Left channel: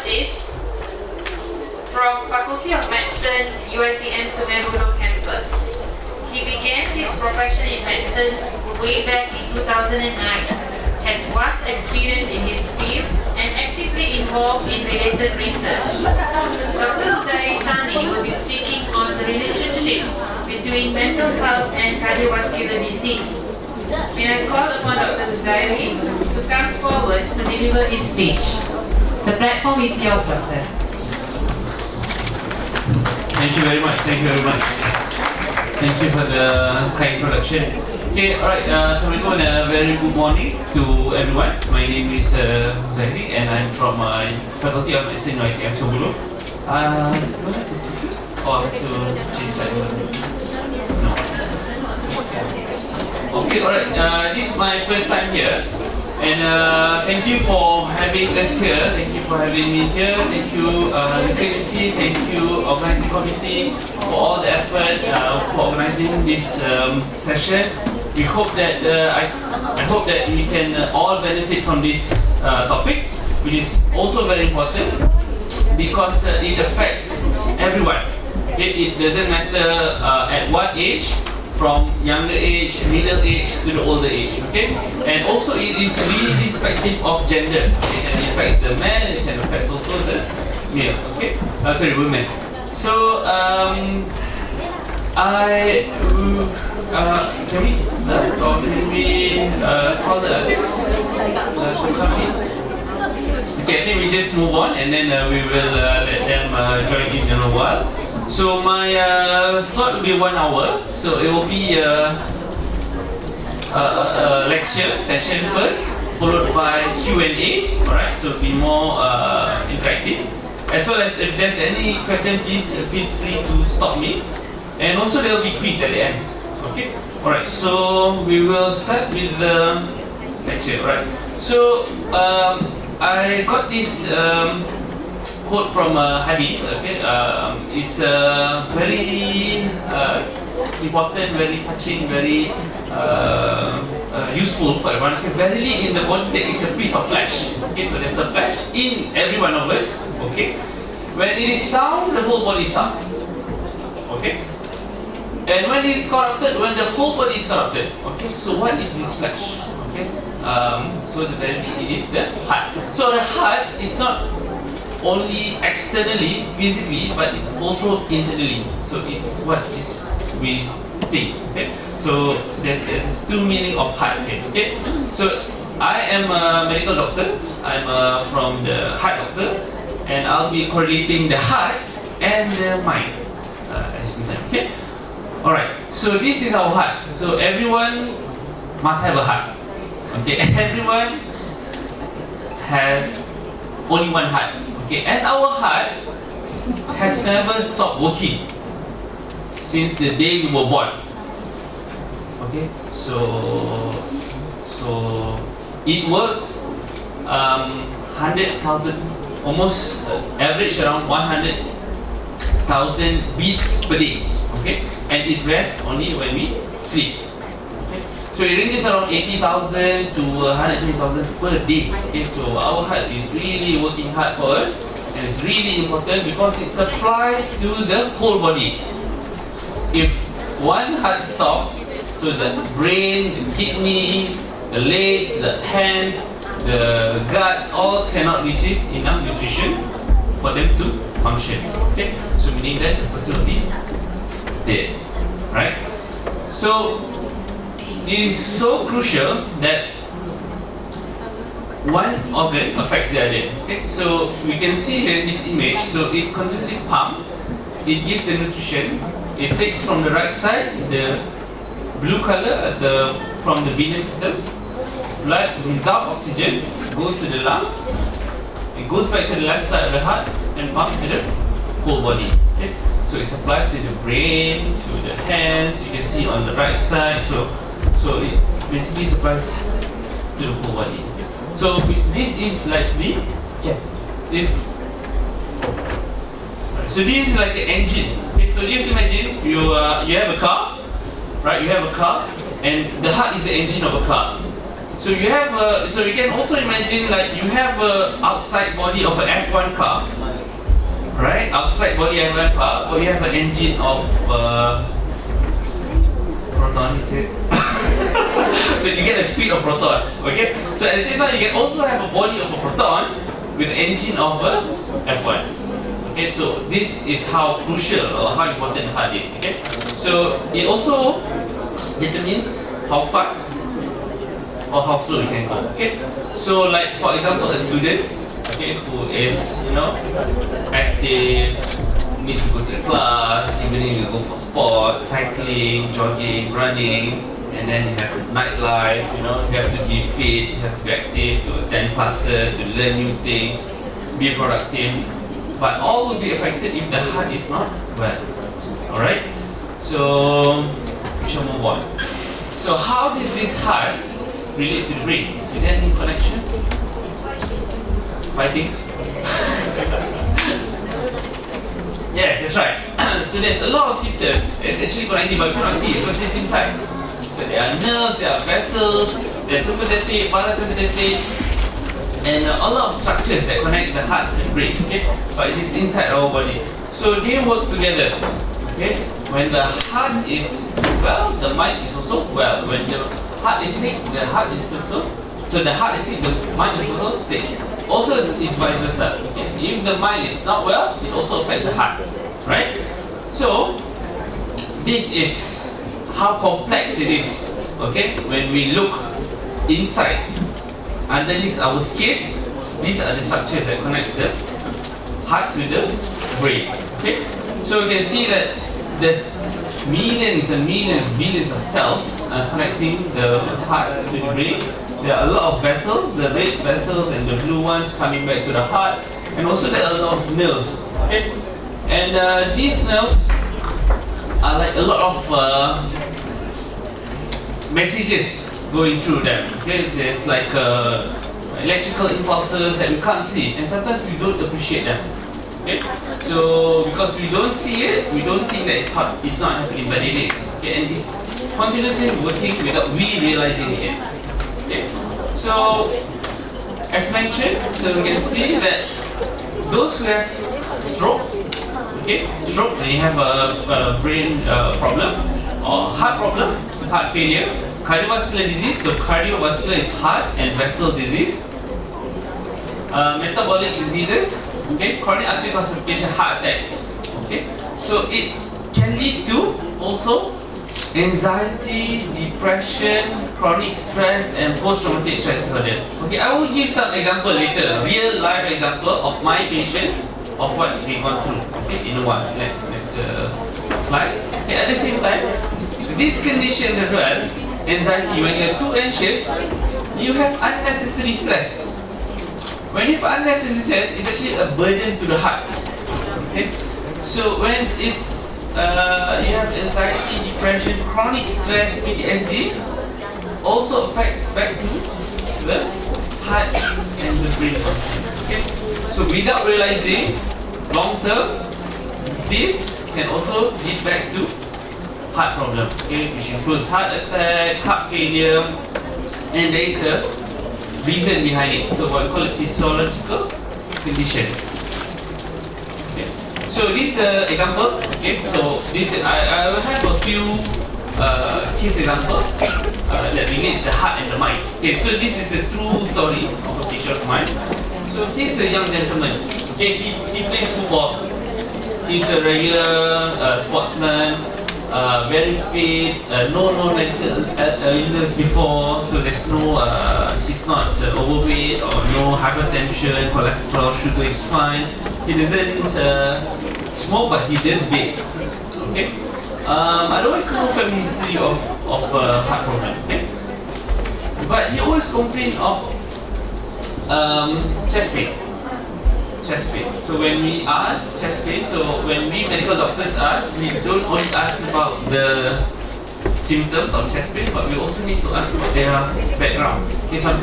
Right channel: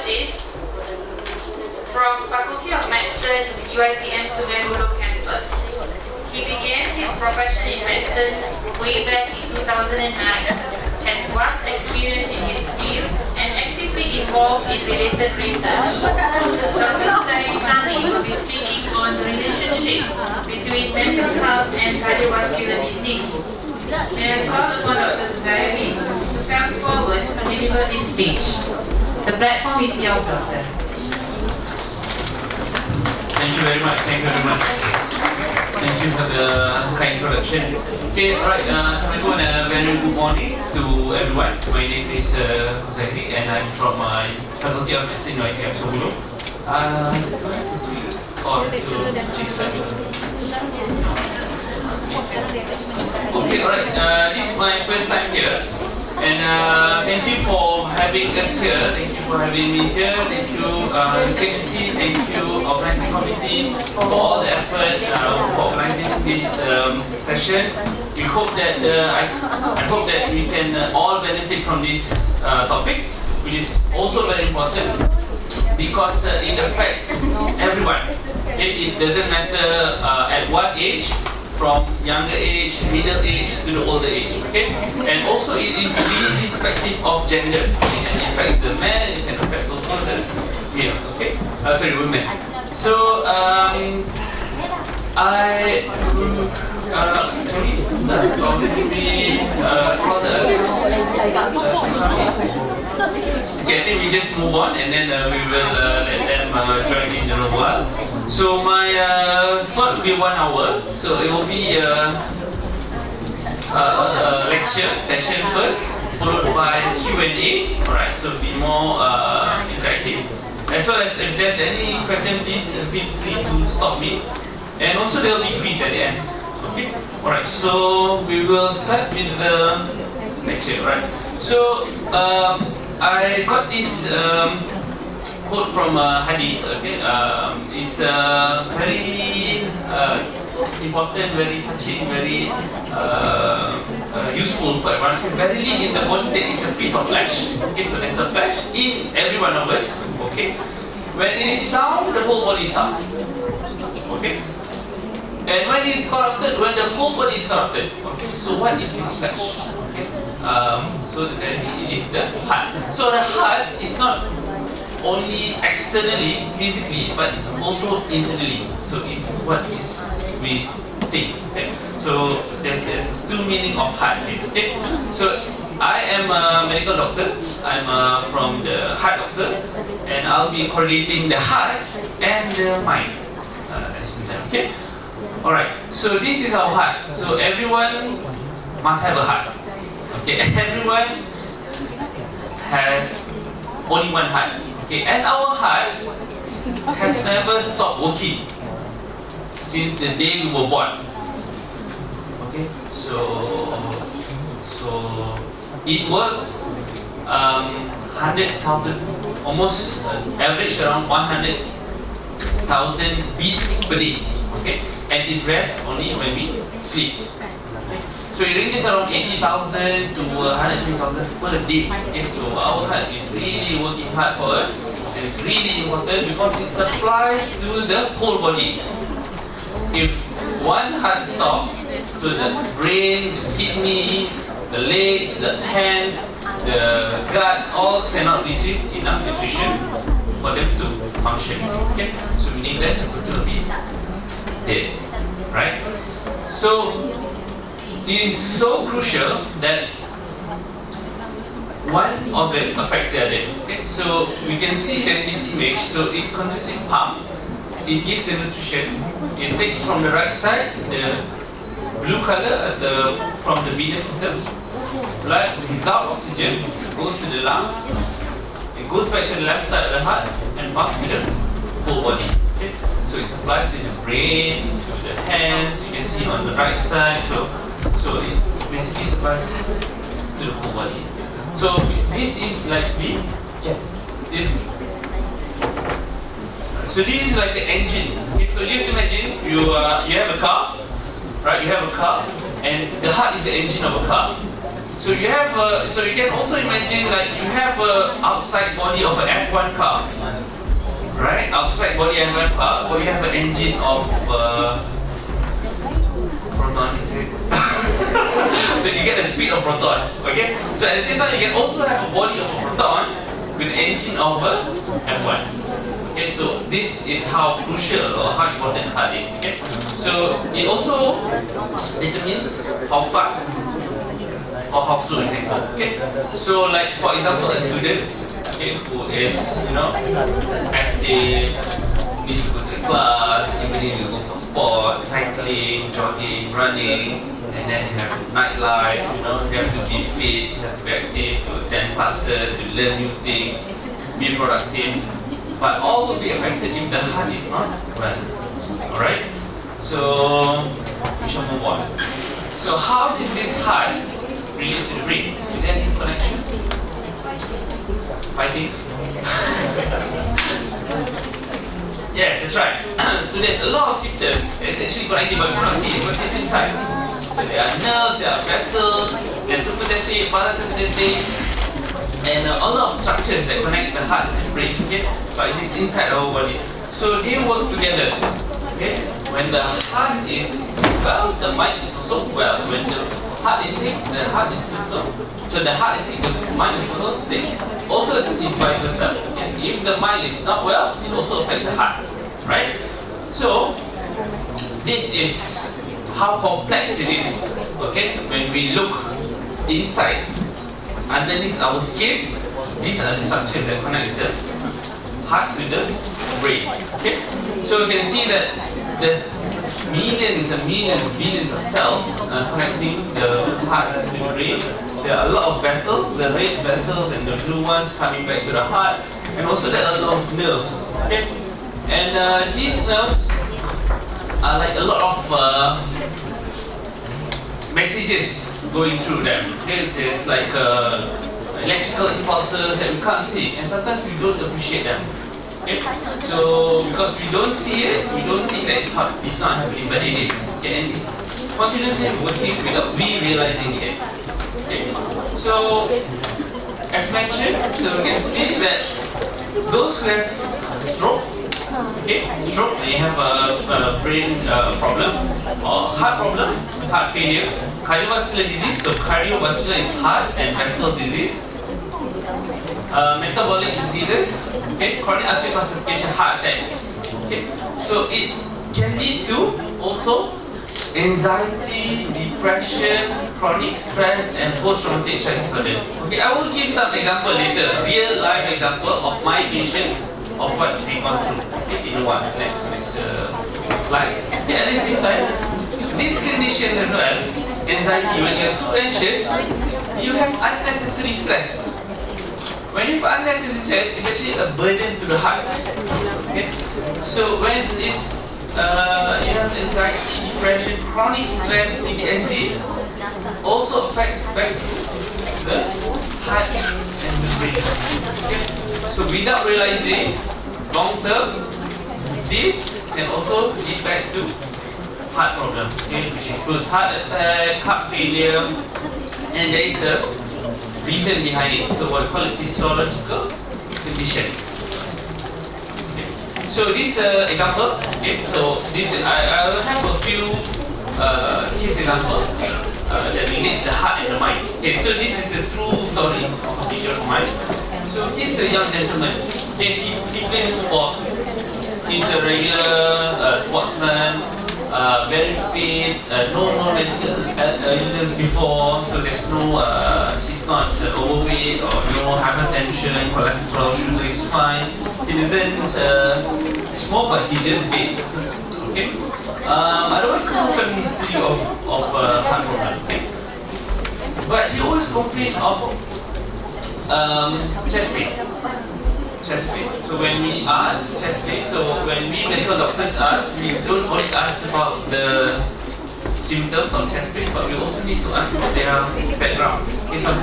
cardiologist from Faculty of Medicine, UiTM campus. He began his profession in medicine way back in 2009, has vast experience in his field and actively involved in related research. Dr. Zairi Sani will be speaking on the relationship between mental health and cardiovascular disease. May I call upon Dr. Zairi to come forward to deliver his speech. The platform is yours, Doctor. Thank you very much. Thank you very much. Thank you for the kind introduction. Okay, alright. Assalamualaikum and a very good morning to everyone. My name is Zairi and I'm from Faculty of Medicine UiTM Puncak Alam. Or to change slide? No. Okay, alright. This is my first time here. And thank you for having us here. Thank you for having me here. Thank you, the KMC. Thank you, organizing committee, for all the effort for organizing this session. We hope that I hope that we can all benefit from this topic, which is also very important because it affects everyone. Okay, it doesn't matter at what age. From younger age, middle age to the older age, okay? And also it is really irrespective of gender, okay? And it affects the man, it can affect also the male, okay? Women. So, can we start or can we call the others to come in? Okay, I think we just move on and then we will let them join in a while. So my slot will be 1 hour. So it will be a lecture session first, followed by Q&A. Alright, so it'll be more interactive. As well as if there's any question, please feel free to stop me. And also there will be quiz at the end. Okay. Alright, so we will start with the lecture. Alright. So I got this quote from Hadith. Okay, it's very important, very touching, very useful for everyone. Okay, verily in the body there is a piece of flesh. Okay, so there's a flesh in every one of us. Okay, when it is sound, the whole body is sound. Okay, and when it is corrupted, when the whole body is corrupted. Okay, so what is this flesh? Okay, so the verily it is the heart. So the heart is not only externally, physically, but it's also internally. So it's what is we think. Okay? So there's two meaning of heart here. Okay? So I am a medical doctor. I'm from the heart doctor, and I'll be correlating the heart and the mind at the same time. Okay? All right. So this is our heart. So everyone must have a heart. Okay? Everyone have only one heart. Okay, and our heart has never stopped working since the day we were born. Okay, so it works 100,000, almost average around 100,000 beats per day. Okay, and it rests only when we sleep. Okay, so it ranges around 80,000 to 120,000 per day. Okay, so our heart is really working hard for us, and it's really important because it supplies to the whole body. If one heart stops, so the brain, the kidney, the legs, the hands, the guts, all cannot receive enough nutrition for them to function. Okay, so meaning that the person will be dead, right? So it is so crucial that one organ affects the other. Okay, so we can see here in this image. So it continuously pumps, it gives the nutrition. It takes from the right side the blue color from the venous system. Blood without oxygen goes to the lung. It goes back to the left side of the heart and pumps to the whole body. Okay, so it supplies to the brain, to the hands. You can see on the right side. So it basically supplies to the whole body. So this is like the so this is like the engine. Okay, so just imagine you have a car, right? You have a car, and the heart is the engine of a car. So you have so you can also imagine like you have a outside body of an F1 car, right? Outside body of F1 car, or you have an engine of proton, is it? So you get the speed of proton, okay? So at the same time, you can also have a body of a proton with the engine of a F1. Okay, so this is how crucial or how important the heart is, okay? So it also determines how fast or how slow you can go, okay? So like for example, a student, okay, who is, you know, active, needs to go to the class, evening you go for sports, cycling, jogging, running, and then you have nightlife, you know, you have to be fit, you have to be active, to attend classes, to learn new things, be productive. But all will be affected if the heart is not well. Alright? So we shall move on. So how did this heart relate to the brain? Is there any connection? Fighting? Yes, that's right. So there's a lot of symptoms that's actually connected, but we cannot see it because it's inside. So there are nerves, there are vessels, there's sympathetic, parasympathetic, and a lot of structures that connect the heart to the brain. Okay, but it is inside our body. So they work together. Okay, when the heart is well, the mind is also well. When the heart is sick, the heart is also. So the heart is sick, the mind is also sick. Also, is vice versa. Okay, if the mind is not well, it also affects the heart. Right? So this is how complex it is, okay? When we look inside, underneath our skin, these are the structures that connect the heart to the brain, okay? So you can see that there's millions and millions, billions of cells connecting the heart to the brain. There are a lot of vessels, the red vessels and the blue ones coming back to the heart, and also there are a lot of nerves, okay? And these nerves are like a lot of messages going through them. Okay, it's like electrical impulses that we can't see, and sometimes we don't appreciate them. Okay, so because we don't see it, we don't think that it's not happening, but it is. Okay, and it's continuously working without we realizing it. Okay, so as mentioned, so we can see that those who have stroke. Okay, stroke, when you have a brain problem, or heart problem, heart failure, cardiovascular disease, so cardiovascular is heart and vessel disease, metabolic diseases, okay, chronic artery calcification, heart attack, okay, so it can lead to also anxiety, depression, chronic stress, and post-traumatic stress disorder. Okay, I will give some example later, real life example of my patients of what they've gone through. Okay, in one next slide. Okay, at the same time, these conditions as well, anxiety, when you're too anxious, you have unnecessary stress. When you have unnecessary stress, it's actually a burden to the heart. Okay, so when it's you have anxiety, depression, chronic stress, PTSD, also affects back to the heart and the brain. Okay, so without realizing, long term, this can also lead back to heart problem, okay, which includes heart attack, heart failure, and there is the reason behind it. So what we call it physiological condition. Okay. So this example, okay, so this I will have a few case example that relates the heart and the mind. Okay, so this is a true story of a patient of mine. So he's a young gentleman. Okay, he plays football. He's a regular sportsman, very fit, no medical illness before, so there's no, he's not overweight or no hypertension, cholesterol, sugar is fine. He doesn't smoke, but he does vape. Okay. Otherwise, no family history of heart problem. Okay. But he always complained of chest pain. Chest pain. So when we ask chest pain, so when we medical doctors ask, we don't only ask about the symptoms of chest pain, but we also need to ask about their background. Okay, so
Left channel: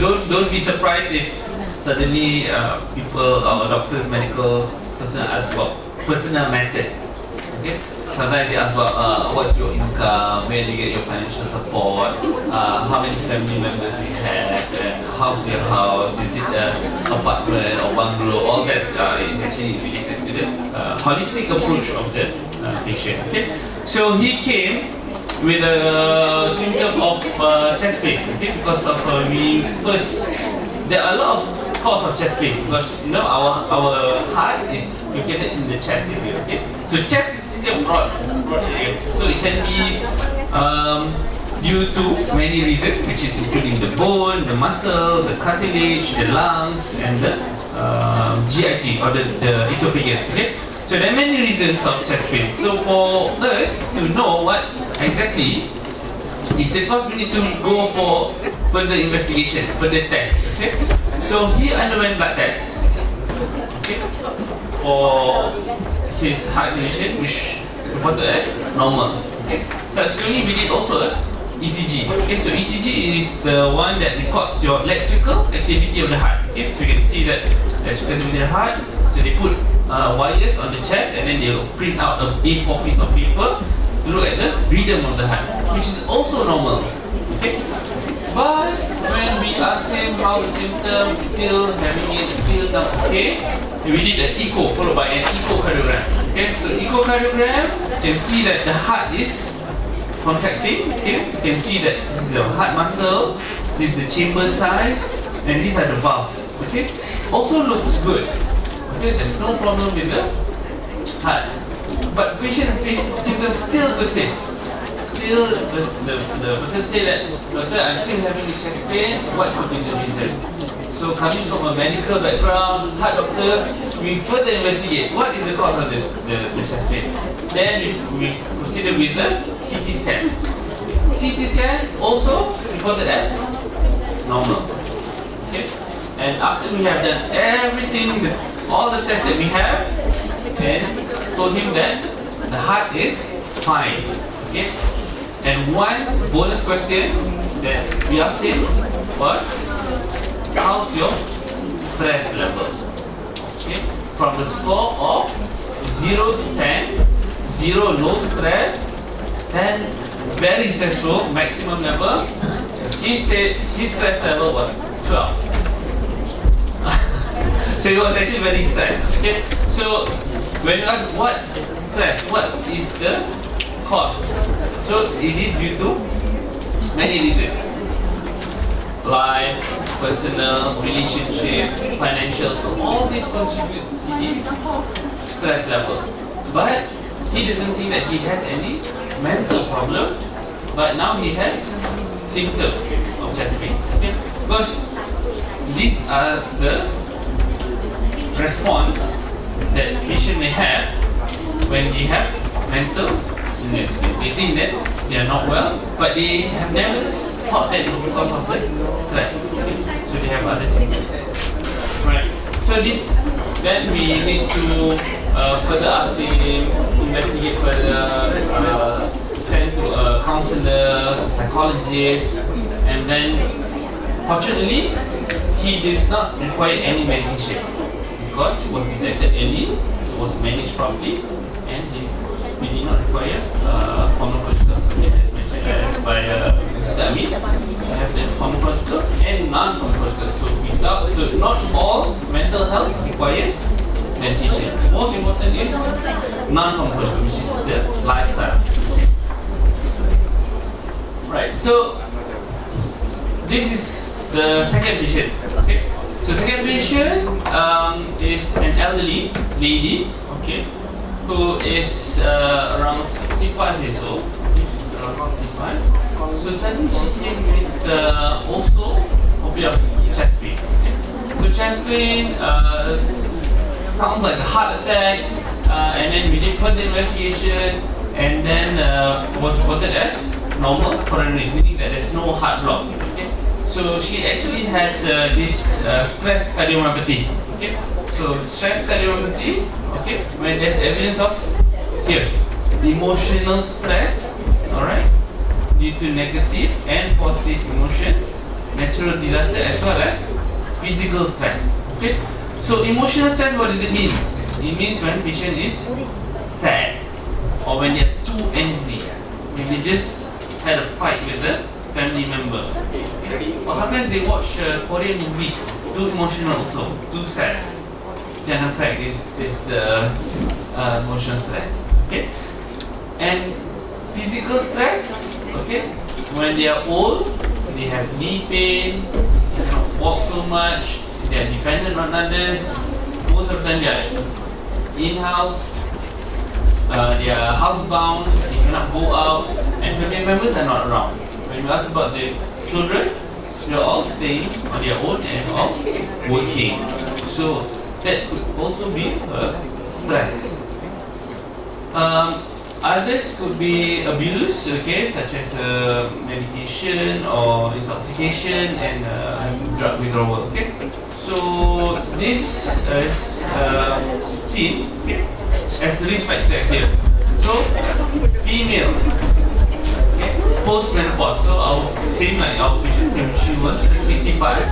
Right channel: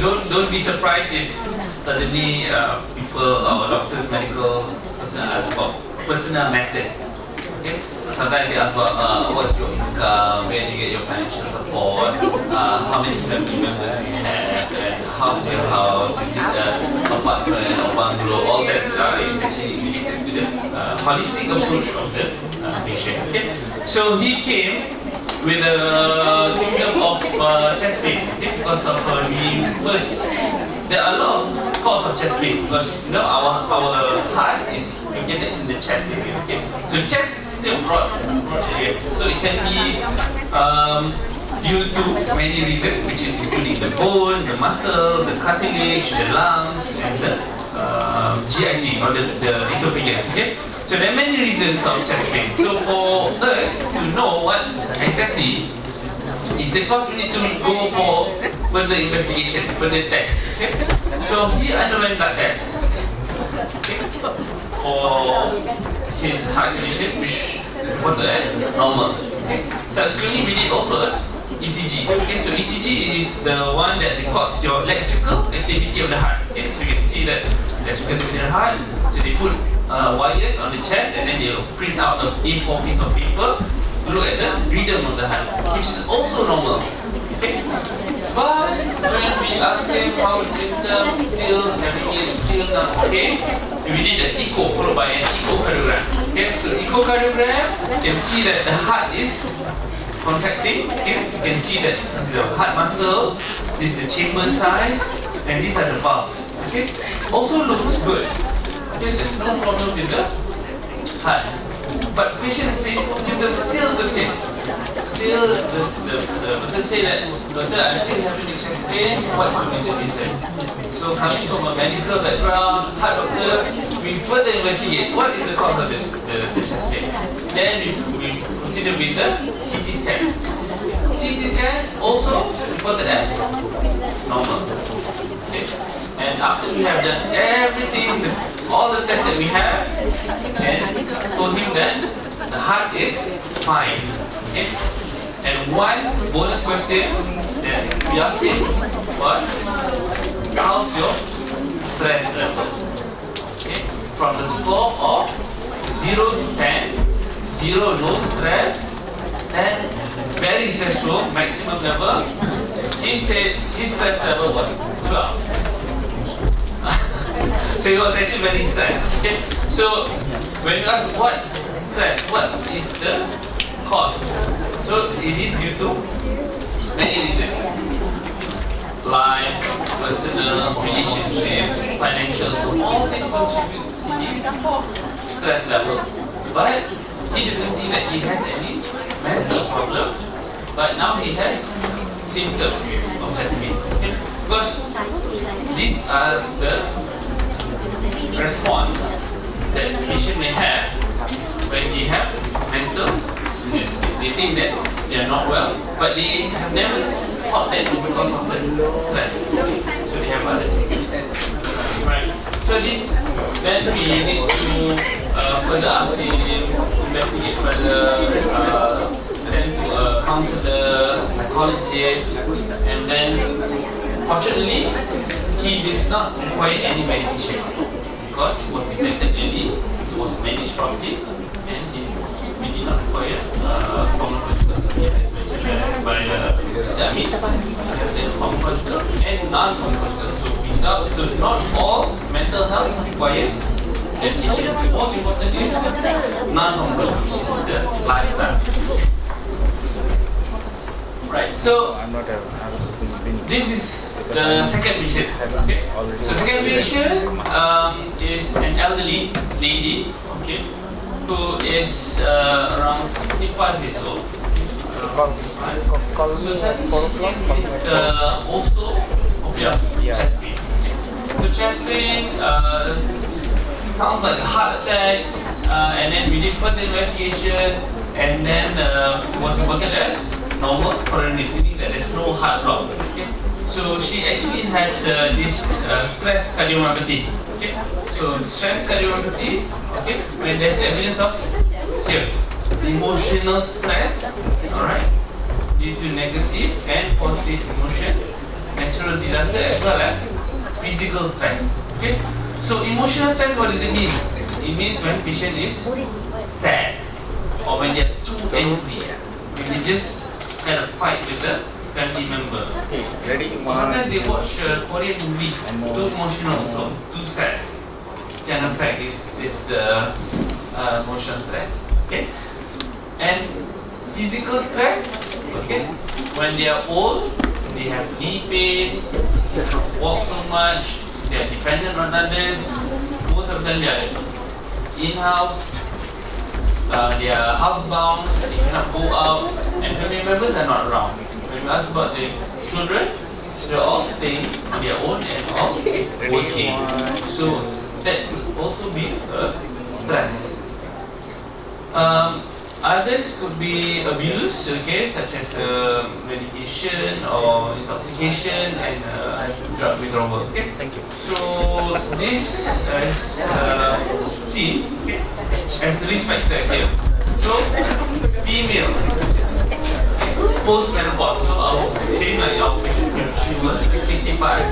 don't be surprised if suddenly people or doctors, medical personnel ask about personal matters. Okay. Sometimes they ask about what's your income, where do you get your financial support, how many family members do you have, and how's your house, is it an apartment or bungalow, all that is actually related to the holistic approach of the patient. Okay. So he came with a symptom of chest pain, okay, because of there are a lot of cause of chest pain because our heart is located in the chest area, okay. So chest is really a broad area, so it can be due to many reasons, which is including the bone, the muscle, the cartilage, the lungs, and the GIT or the esophagus, okay. So there are many reasons of chest pain. So for us to know what exactly is the cause, we need to go for further investigation, further test. Okay. So he underwent blood test, okay, for his heart condition, which reported as normal. Okay. Subsequently, we did also a ECG. Okay. So ECG is the one that records your electrical activity of the heart. Okay. So you can see that electrical activity of the heart. So they put wires on the chest, and then they'll print out a A4 piece of paper to look at the rhythm of the heart, which is also normal. Okay? But when we ask him how the symptoms, still having it, still not okay, we did an echo followed by an echocardiogram. Okay, so echocardiogram, you can see that the heart is contracting. Okay, you can see that this is the heart muscle, this is the chamber size, and these are the valve. Okay, also looks good. Okay, there's no problem with the heart, but patient symptoms still persist. Still, the person say that, doctor, I'm still having the chest pain. What could be the reason? So coming from a medical background, heart doctor, we further investigate what is the cause of this, the chest pain. Then we proceeded with the CT scan. CT scan also reported as normal. Okay, and after we have done everything, all the tests that we have, and told him that the heart is fine. Okay? And one bonus question that we asked him was, how's your stress level? Okay? From the score of 0 to 10, 0 no stress, 10 very stressful, maximum level, he said his stress level was 12. So he was actually very stressed. Okay. So when you ask what stress, what is the cause? So it is due to many reasons. Life, personal, relationship, financial. So all this contributes to the stress level. But he doesn't think that he has any mental problem. But now he has symptoms of chest pain. Okay. Because these are the response that patient may have when they have mental illness. They think that they are not well, but they have never thought that it's because of the stress. Okay? So they have other symptoms. Right. So this, then we need to further ask him, investigate further, send to a counselor, psychologist, and then fortunately he does not require any medication. Because it was detected early, it was managed properly, and we did not require pharmacological, as mentioned by Mr. Amin. We have the pharmacological and non-pharmacological. So not all mental health requires medication. Most important is non-pharmacological, which is the lifestyle. Right. So this is the second patient. Okay. So second patient is an elderly lady, okay, who is around 65 years old. Around 65. So suddenly she came with also a bit of chest pain. Okay. So chest pain sounds like a heart attack, and then we did further investigation, and then was reported as normal coronary, meaning that there's no heart block. Okay. So she actually had this stress cardiomyopathy. Okay, so stress cardiomyopathy. Okay, when there's evidence of here emotional stress. All right, due to negative and positive emotions, natural disaster as well as physical stress. Okay, so emotional stress. What does it mean? It means when patient is sad. or when they're too angry, when they just had a fight with a family member. Or sometimes they watch a Korean movie, too emotional also, too sad. Can affect this emotional stress. Okay, and physical stress. Okay, when they are old, they have knee pain, they cannot walk so much, they are dependent on others. Most of them they are in-house, they are housebound, they cannot go out, and family members are not around. When we ask about the children, they are all staying on their own and all working. So that could also be a stress. Others could be abuse, okay, such as medication or intoxication and drug withdrawal. Okay, so this is seen, okay, as risk factor here. So female, okay, post-menopause. So our same like our patient, she was 65.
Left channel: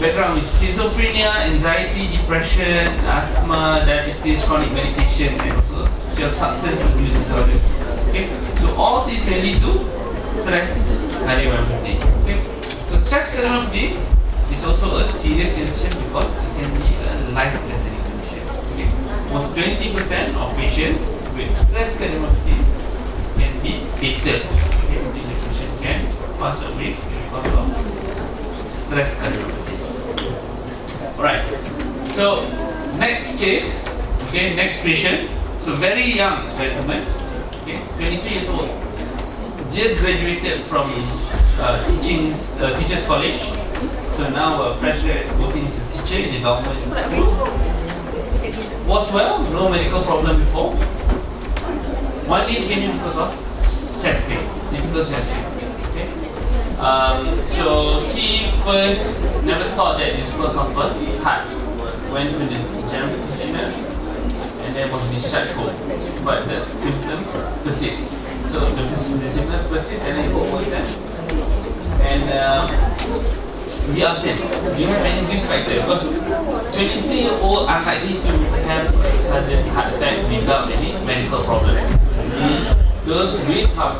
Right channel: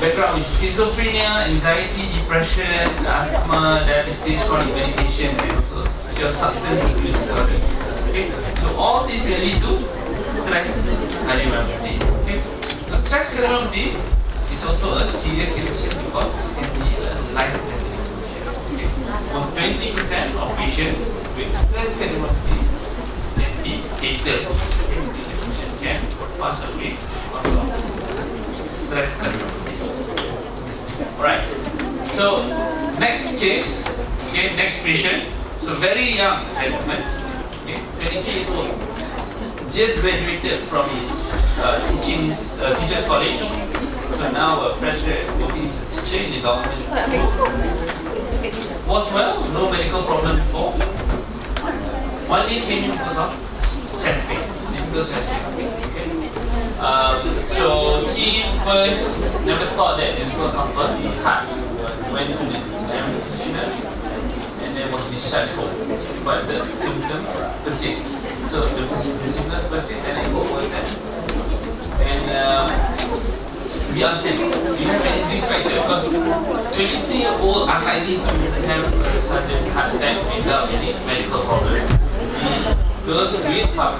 Background is schizophrenia, anxiety, depression, asthma, diabetes, chronic medication, and also substance abuse disorder. Okay, so all these may lead to stress cardiomyopathy. Okay, so stress cardiomyopathy is also a serious condition because it can be a life-threatening condition. Okay, almost 20% of patients with stress cardiomyopathy can be fatal. Okay, the patient can pass away because of stress cardiomyopathy. Alright, so next case, okay, next patient. So very young gentleman, okay, 23 years old, just graduated from teachers college. So now a fresh grad working as a teacher in the government school. Was well, no medical problem before. One day came in because of chest pain, typical chest pain. Okay. So he first never thought that it's because of a heart. Went to the general practitioner and then was discharged home. But the symptoms persist. So the symptoms persist and then it got worse. And we asked him, do you have any risk factor? Because 23-year-old unlikely to have a sudden heart attack without any medical problem. Those with heart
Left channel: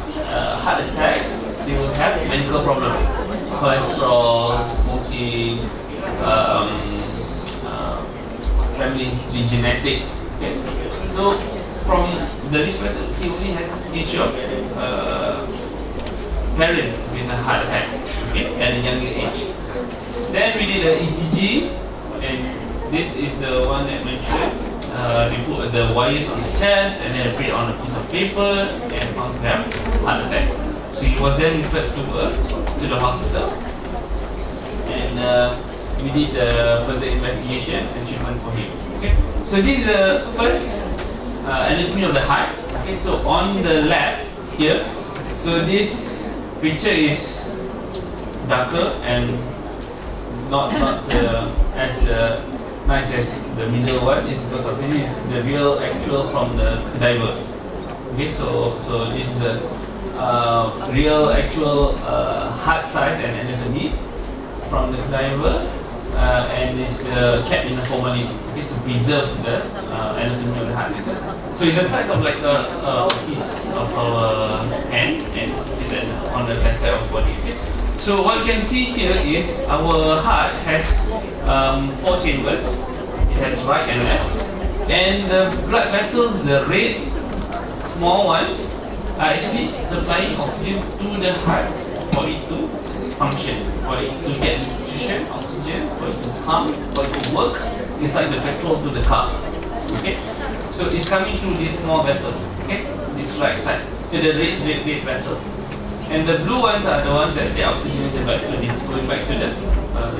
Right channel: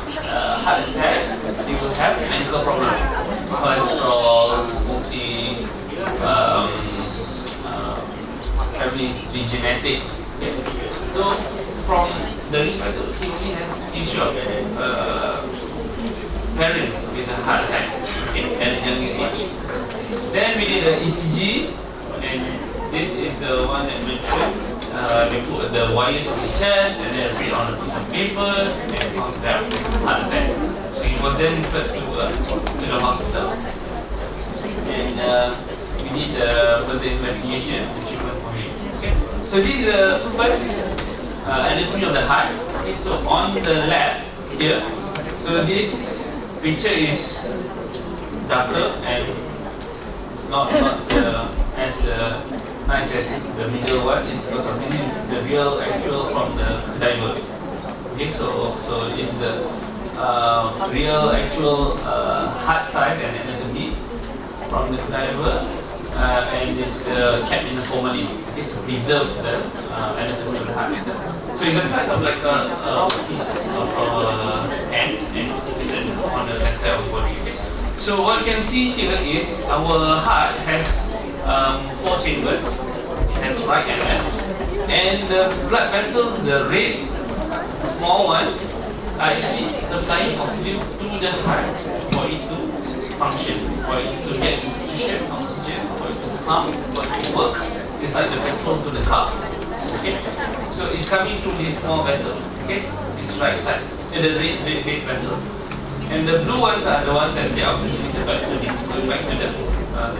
attack, they will have medical problem. Cholesterol, smoking, family history, genetics. Okay? So from the risk factor, he only has history of parents with a heart attack, okay, at a younger age. Then we did an ECG, and this is the one that mentioned. They put the wires on the chest and then put it on a piece of paper and found to have heart attack. So he was then referred to the hospital, and we did further investigation and treatment for him. Okay, so this is the first anatomy of the heart. Okay, so on the left here, so this picture is darker and not as nice as the middle one. Is because of this is the real actual from the cadaver. Okay, so this is the real actual heart size and anatomy from the cadaver, and is kept in a formalin, okay, to preserve the anatomy of the heart. So it's the size of like a piece of our hand, and it's on the left side of the body. Okay? So what you can see here is our heart has 4 chambers. It has right and left, and the blood vessels, the red small ones, are actually supplying oxygen to the heart for it to function, for it to get nutrition, oxygen, for it to pump, for it to work. It's like the petrol to the car. Okay, so it's coming through this small vessel. Okay, this right side, the red vessel. And the blue ones are the ones that they oxygenated back, so this is going back to the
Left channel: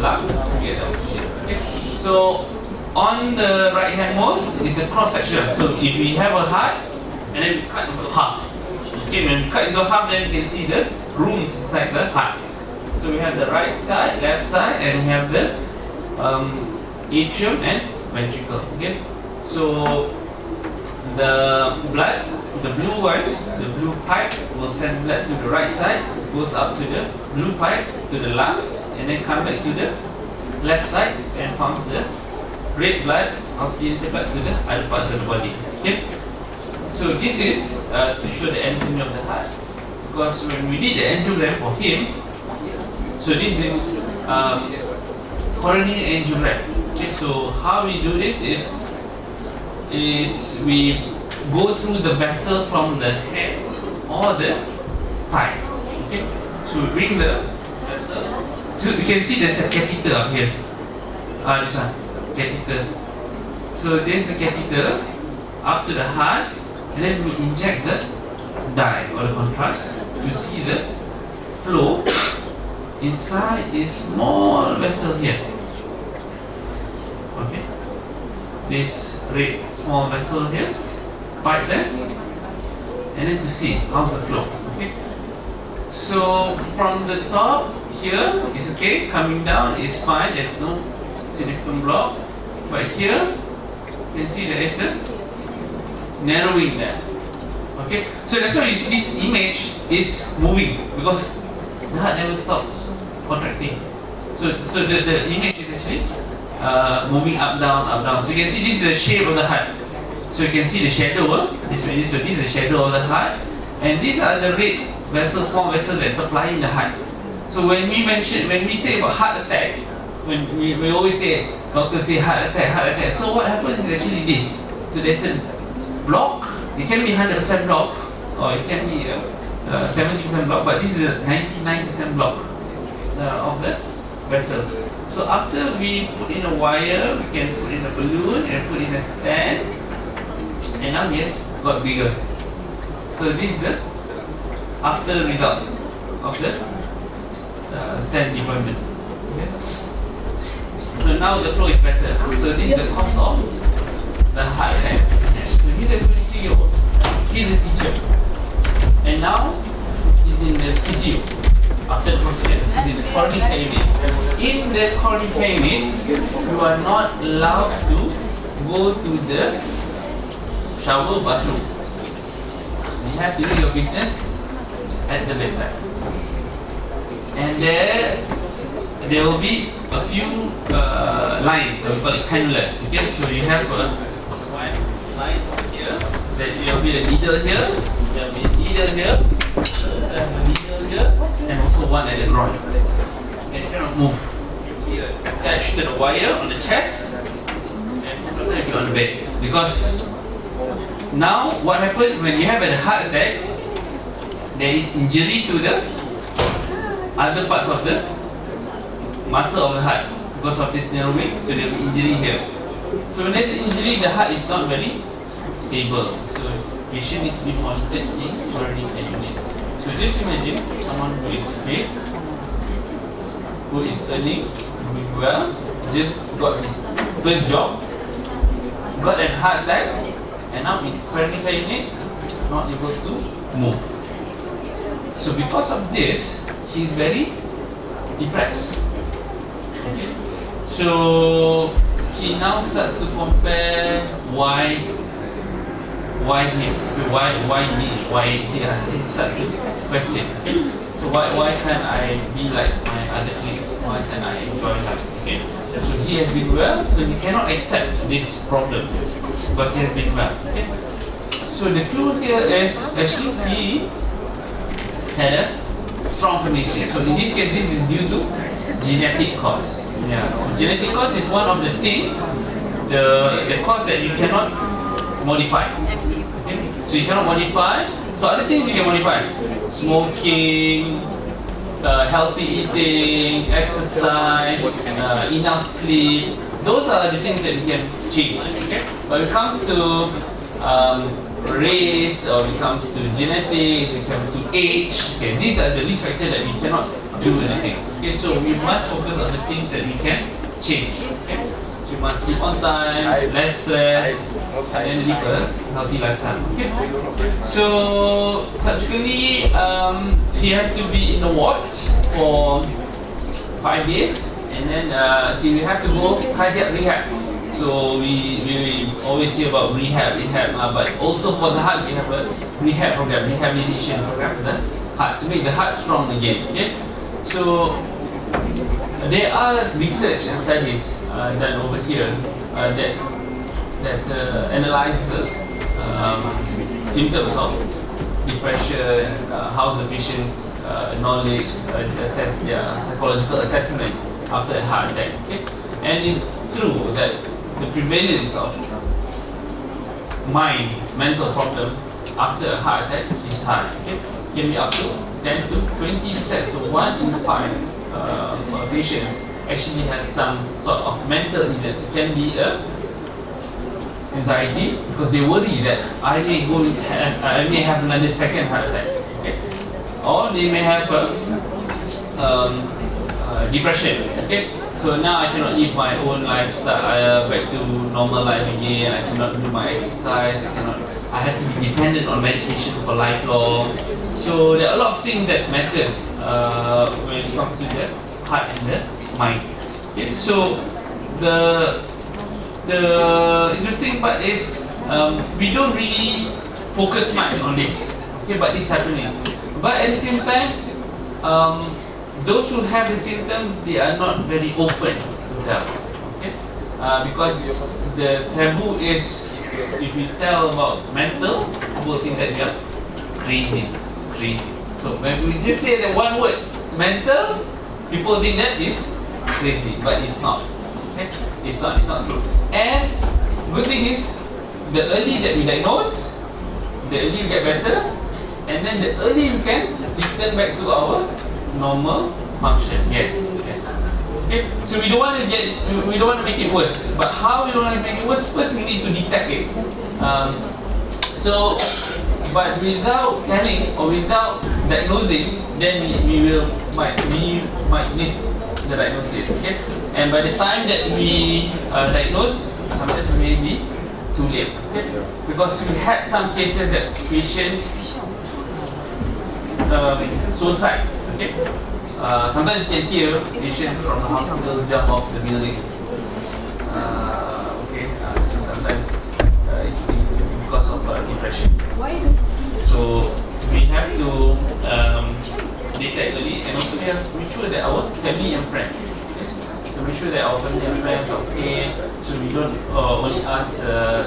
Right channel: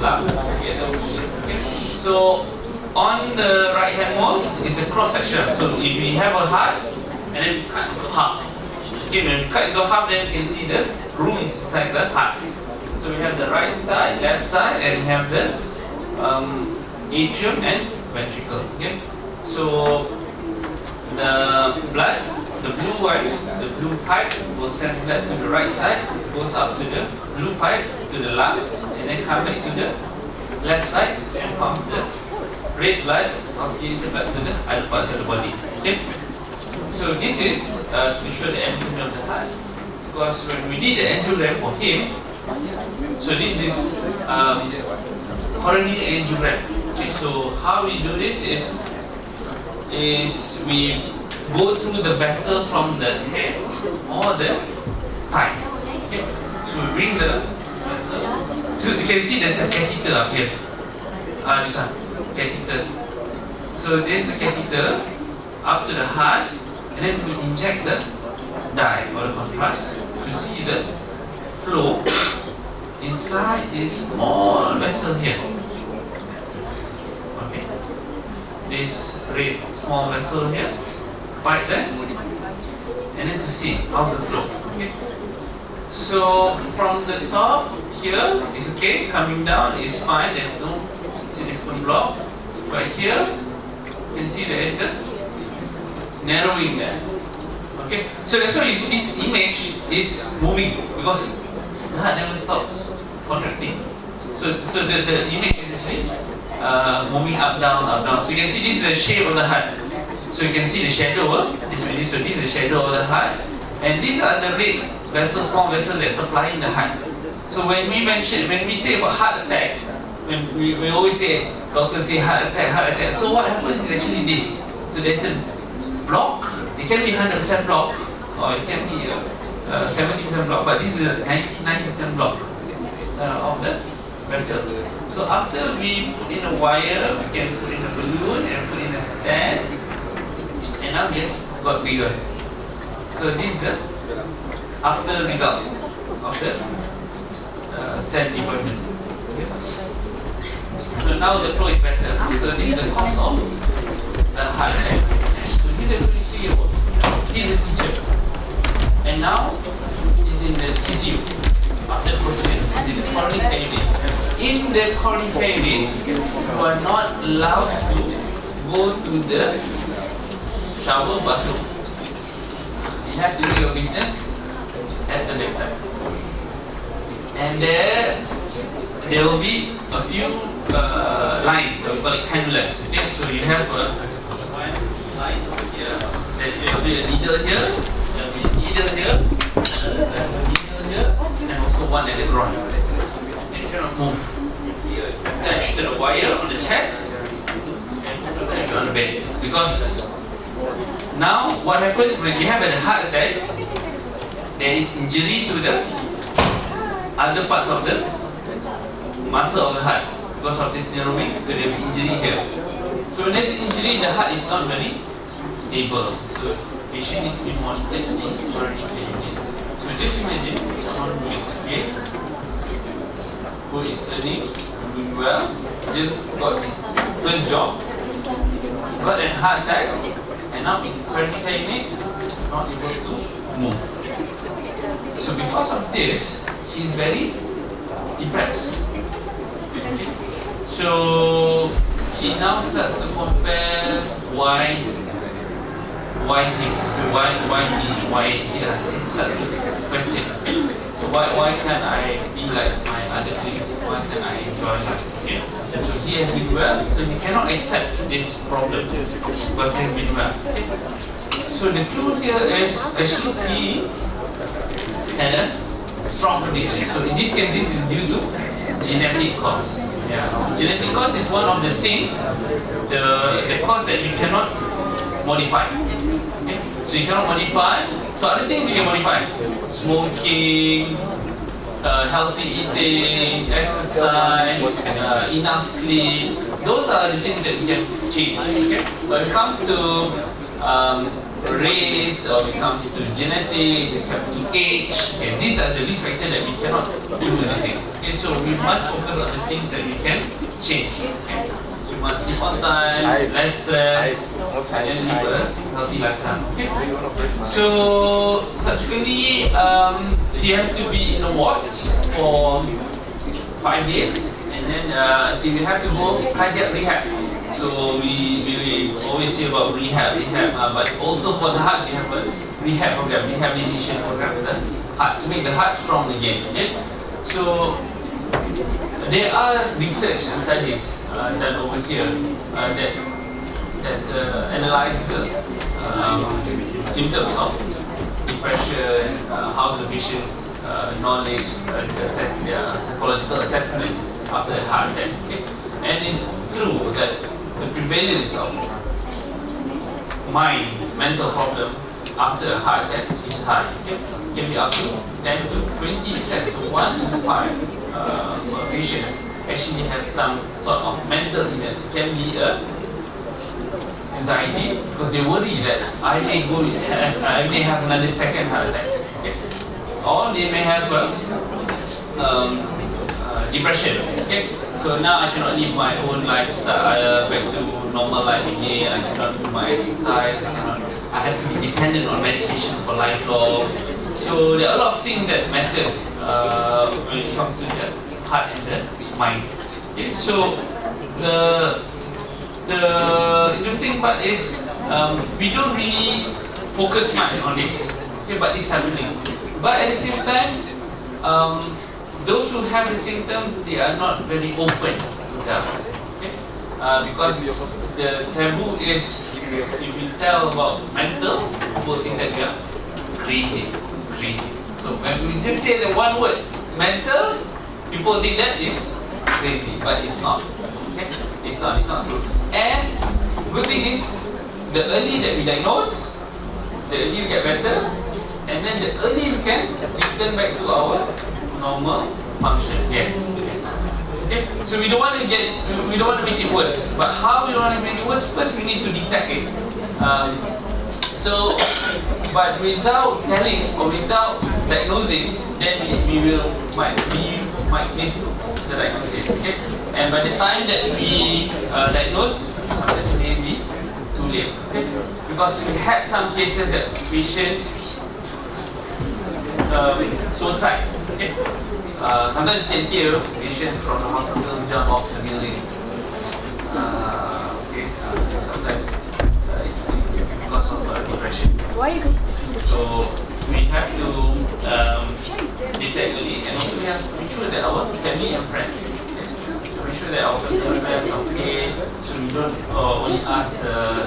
lung to get the oxygen. Okay? So on the right hand walls is a cross section. So if we have a heart and then we cut into half. Okay, when we cut into half, then you can see the rooms inside the heart. So we have the right side, left side, and we have the atrium and ventricle. Okay? So the blood, the blue one, the blue pipe will send blood to the right side, goes up to the blue pipe to the lungs, and then come back to the left side and pumps the red blood, oxygenated blood to the other parts of the body. Okay? So this is to show the anatomy of the heart, because when we did the angiogram for him, so this is coronary angiogram. Okay, so how we do this is we go through the vessel from the head or the thigh. Okay, so we bring the vessel. So you can see there's a catheter up here. This one, catheter. So there's a catheter up to the heart, and then we inject the dye or the contrast to see the flow inside this small vessel here. Okay, this red small vessel here, pipe there, and then to see how's the flow. Okay, so from the top here is okay, coming down is fine, there's no significant block, but here you can see there is a narrowing there. Okay, so that's why you see this image is moving, because the heart never stops contracting. So the image is actually moving up down, up down. So you can see this is the shape of the heart. So you can see the shadow. So this is the shadow of the heart, and these are the red vessels, small vessels that supplying the heart. So when we say about heart attack, when we always say, doctors say heart attack, heart attack. So what happens is actually this. So there's a block. It can be 100% block, or it can be 70% block, but this is a 99% block of the vessel. So after we put in a wire, we can put in a balloon and put in a stand, and now yes, got bigger. So this is the after result of the stand deployment. Okay. So now the flow is better. So this is the cause of the heart attack. So he's a 23-year-old. He's a teacher, and now he's in the CCU. After the procedure, he's in the quarantine unit. In the quarantine unit, you are not allowed to go to the shower bathroom. You have to do your business at the bedside. And there will be a few lines, we call it cannulas. Okay, so you have one line over here. There will be a needle here. There will be a needle here. There will be a needle here, and also one at the groin. And you cannot move. You're attached to the wire on the chest, and sometimes you're on the bed. Because now, what happens when you have a heart attack? There is injury to the other parts of the muscle of the heart because of this narrowing. So there will be injury here. So when there's an injury, the heart is not very stable. So patient need to be monitored in coronary care unit. So just imagine someone who is fit, who is earning, doing well, just got his first job, got a heart attack, and now in coronary care unit, not able to move. So because of this, she is very depressed. Okay? So he now starts to compare why him, okay, why me, why he starts to question. Okay? So why can't I be like my other colleagues? Why can't I enjoy life? Okay? So he has been well, so he cannot accept this problem because he has been well. Okay? So the clue here is actually he had a strong condition. So in this case, this is due to genetic cause. Yeah. So genetic cause is one of the things, the cause that you cannot modify. Okay? So you cannot modify. So other things you can modify: smoking, healthy eating, exercise, enough sleep. Those are the things that we can change. Okay? But when it comes to race, or when it comes to genetics, when it comes to age, okay, these are the risk factors that we cannot do anything. Okay, so we must focus on the things that we can change. Okay, so we must sleep on time, less stress, and live a healthy lifestyle. Okay, so subsequently, he has to be in the ward for 5 days, and then he will have to go cardiac rehab. So we always hear about rehab, but also for the heart we have a rehab program, rehabilitation program for the heart to make the heart strong again. Okay, so there are research and studies done over here that analyze the symptoms of depression, how's the patient's knowledge, assess their psychological assessment after a heart attack. Okay? And it's true that the prevalence of mental problem after a heart attack is high. Okay? Can be up to 10 to 20%. So 1 in 5 patients actually has some sort of mental illness. It can be anxiety because they worry that I may have another second heart attack. Okay? Or they may have depression. Okay? So now I cannot live my own lifestyle back to normal life again. I cannot do my exercise. I have to be dependent on medication for lifelong. So there are a lot of things that matters when it comes to the heart and the mind. Okay? So the interesting part is we don't really focus much on this. Okay, but it's happening. But at the same time, those who have the symptoms, they are not very open to tell. Okay, because the taboo is if we tell about mental, people think that we are crazy. So when we just say the one word mental, people think that is crazy, but it's not. Okay, it's not true. And good thing is, the early that we diagnose, the early we get better, and then the early we can return back to our normal function. Yes. Okay. So we don't want to make it worse. But how we don't want to make it worse? First, we need to detect it. But without telling or without diagnosing, then we might miss the diagnosis. Okay. And by the time that we diagnose, sometimes it may be too late. Okay. Because we had some cases that patient suicide. Okay. Sometimes you can hear patients from the hospital jump off the building. So sometimes it can be because of depression. So we have to detect early, and also we have to make sure that our family and friends. So make sure that our family and friends are okay. So we don't only ask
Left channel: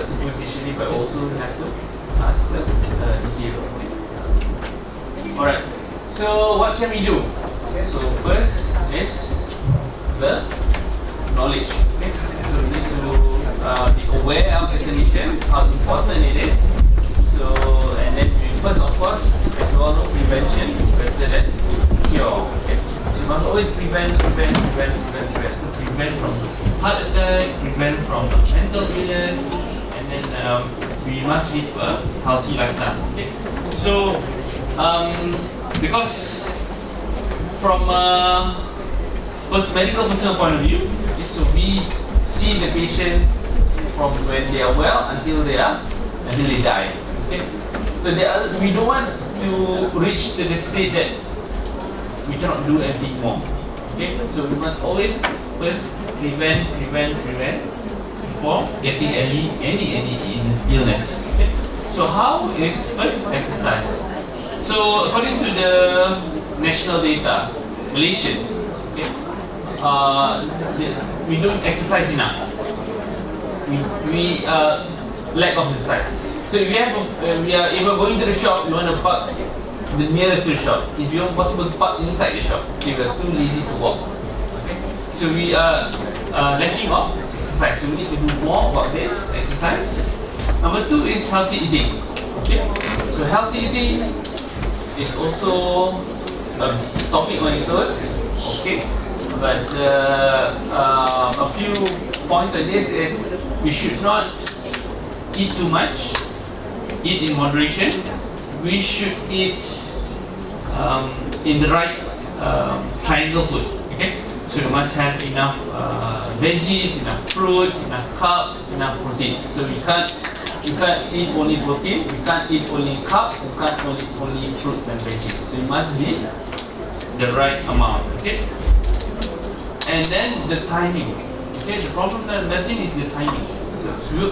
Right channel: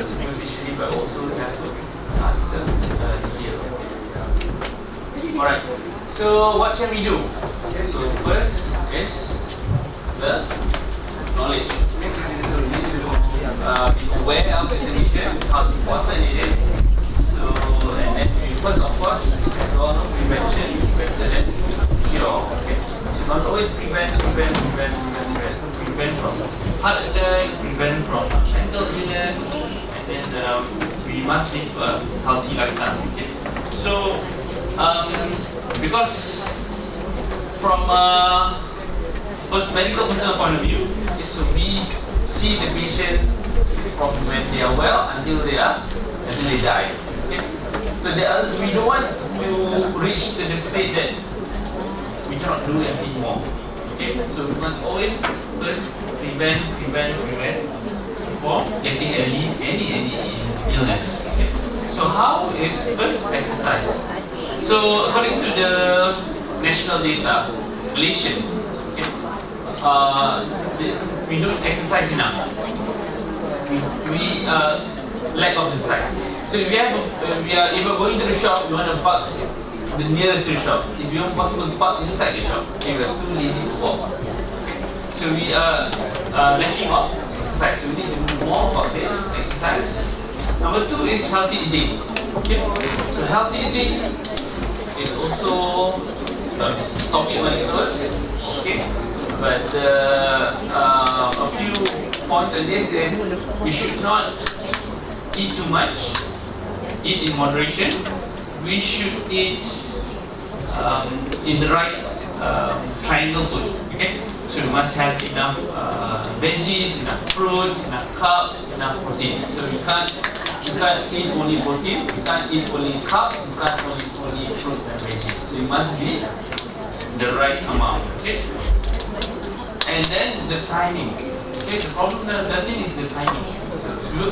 superficially, but also we have to ask the detail. Alright. So what can we do? So first is the knowledge. So we need to be aware of the condition, how important it is. So and then first, of course, as we all know, prevention is better than cure. Okay. So you must always prevent. So prevent from heart attack, prevent from mental illness, and then we must live a healthy lifestyle. Okay. So because from a medical personal point of view, okay, so we see the patient from when they are well until they die. Okay, so we don't want to reach to the state that we cannot do anything more. Okay, so we must always first prevent before getting any illness. Okay, so how is first exercise? So according to the national data, Malaysians, okay, we don't exercise enough. We lack of exercise. So if we are even going to the shop, we want to park the nearest to the shop. If you want possible to park inside the shop, if we are too lazy to walk. Okay? So we are lacking of exercise. So we need to do more about this exercise. Number 2 is healthy eating. Okay? So healthy eating is also a topic on its own. Okay? But a few points on this is we should not eat too much, eat in moderation. We should eat in the right triangle food. Okay, so you must have enough veggies, enough fruit, enough carb, enough protein. So you can't eat only protein, you can't eat only carb, you can't eat only fruits and veggies. So you must be the right amount. Okay, and then the timing. Okay, the problem, nothing is the timing.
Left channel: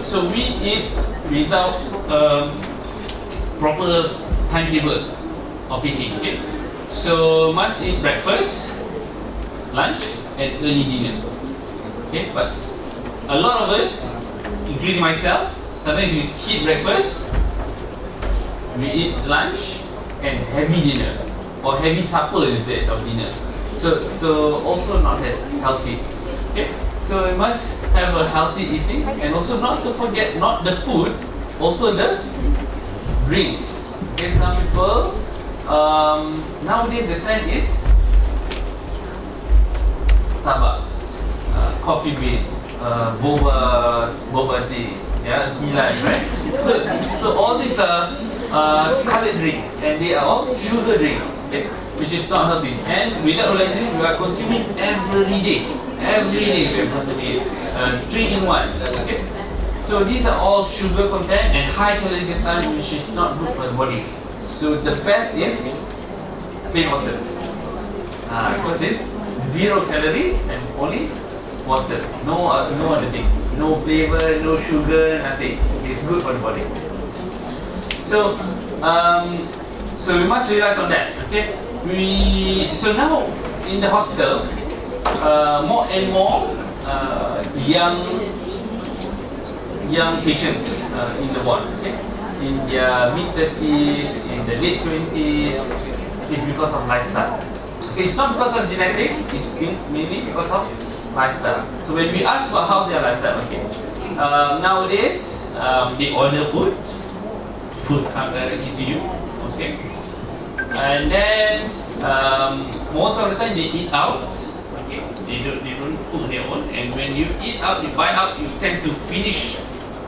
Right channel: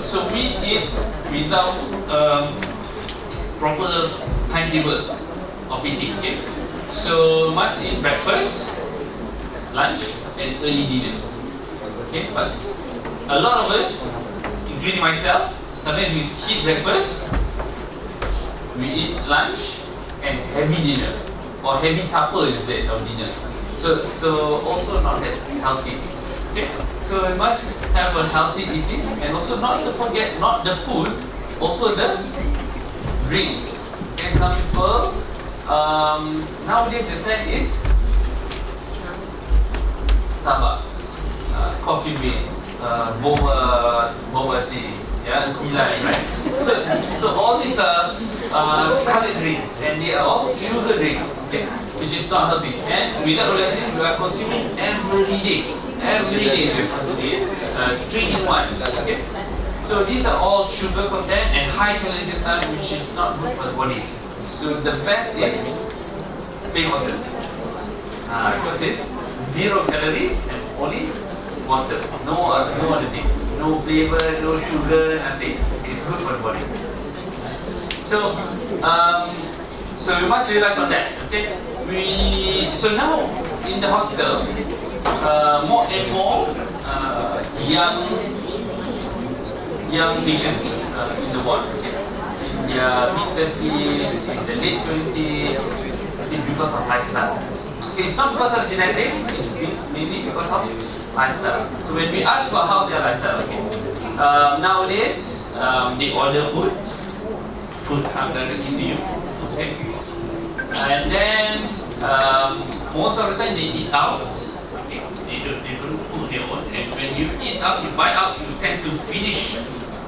So we eat without proper timetable of eating. Okay, so must eat breakfast, lunch, and early dinner. Okay, but a lot of us, including myself, sometimes we skip breakfast, we eat lunch and heavy dinner, or heavy supper instead of dinner. So also not healthy. Okay, so we must have a healthy eating, and also not to forget, not the food, also the drinks. Okay, some people nowadays the trend is Starbucks, coffee bean, boba tea, yeah, tea line, right? So all these are colored drinks, and they are all sugar drinks, okay, which is not healthy. And without realizing, we are consuming every day. Every day we are consuming 3-in-1s, okay. So these are all sugar content and high calorie content, which is not good for the body. So the best is plain water, because it's 0 calorie and only water, no other things, no flavor, no sugar, nothing. It's good for the body. So so we must realize on that. Okay, so now in the hospital, more and more young patients in the ward, okay, in their mid-30s, in the late 20s, is because of lifestyle. Okay, it's not because of genetic, it's mainly because of lifestyle. So when we ask about how's their lifestyle, okay, nowadays they order food comes directly to you, okay, and then most of the time they eat out. Okay, they don't cook their own, and when you eat out, you buy out, you tend to finish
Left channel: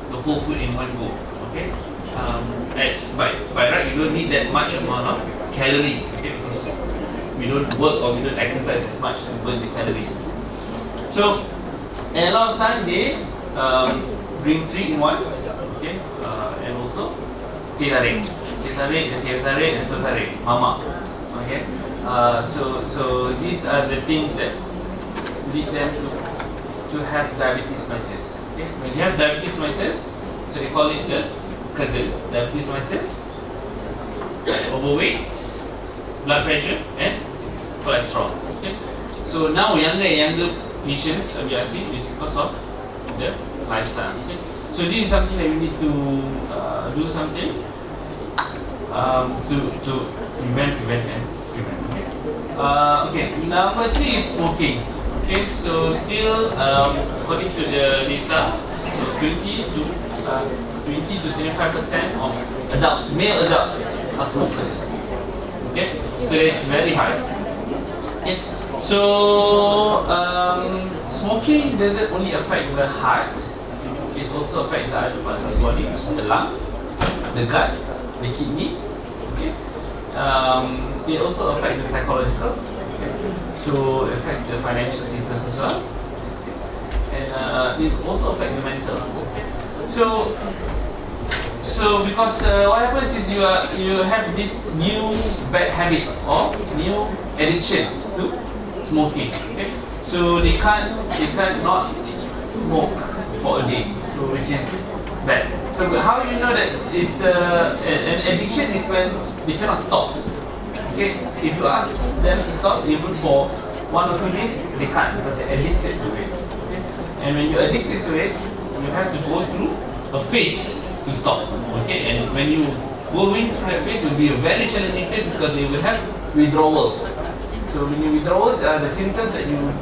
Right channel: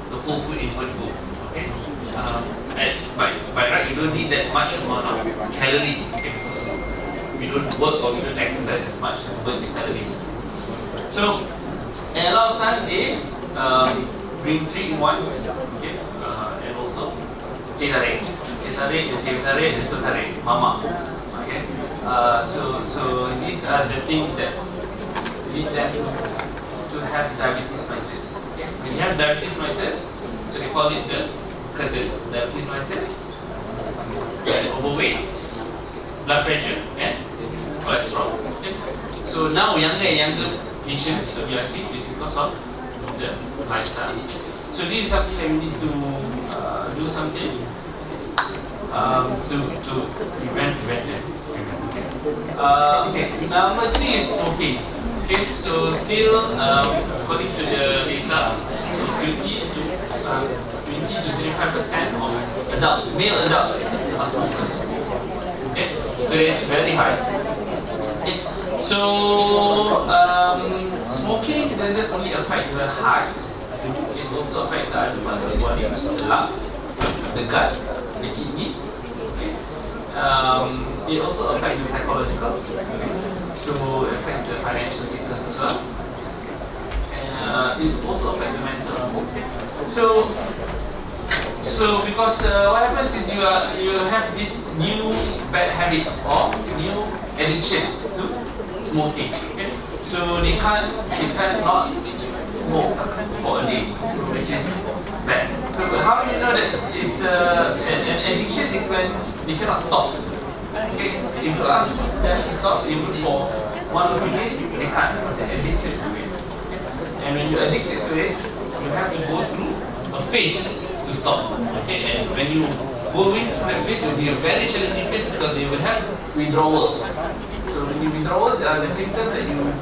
the whole food in one go. Okay, by right you don't need that much amount of calorie, okay, because we don't work or we don't exercise as much to burn the calories. So and a lot of time they bring 3-in-1s, okay, and also teh tarik, nasi tarik, nasi tarik, mama, okay. So these are the things that lead them to have diabetes mellitus. Okay, when you have diabetes mellitus, so they call it the cousins: diabetes mellitus, overweight, blood pressure, and cholesterol. Okay, so now younger patients we are seeing is because of the lifestyle. Okay? So this is something that we need to do something to prevent. Okay, number 3 is smoking. Okay, so still according to the data, so 20 to 25% of adults, male adults, are smokers. Okay, so it's very high. Okay, so smoking doesn't only affect the heart, it also affects the other parts of the body, the lung, the gut, the kidney. Okay, it also affects the psychological. Okay, so it affects the financial status as well. Okay, and it also affects the mental. Okay, so because what happens is you have this new bad habit or new addiction to smoking. Okay, so they can't not smoke for a day, so which is bad. So how you know that it's an addiction is when they cannot stop. Okay, if you ask them to stop, even for 1 or 2 days, they can't because they're addicted to it. Okay? And when you're addicted to it, you have to go through a phase to stop. Okay, and when you go into that phase, it will be a very challenging phase because they will have withdrawals. So when you withdrawals are the symptoms that you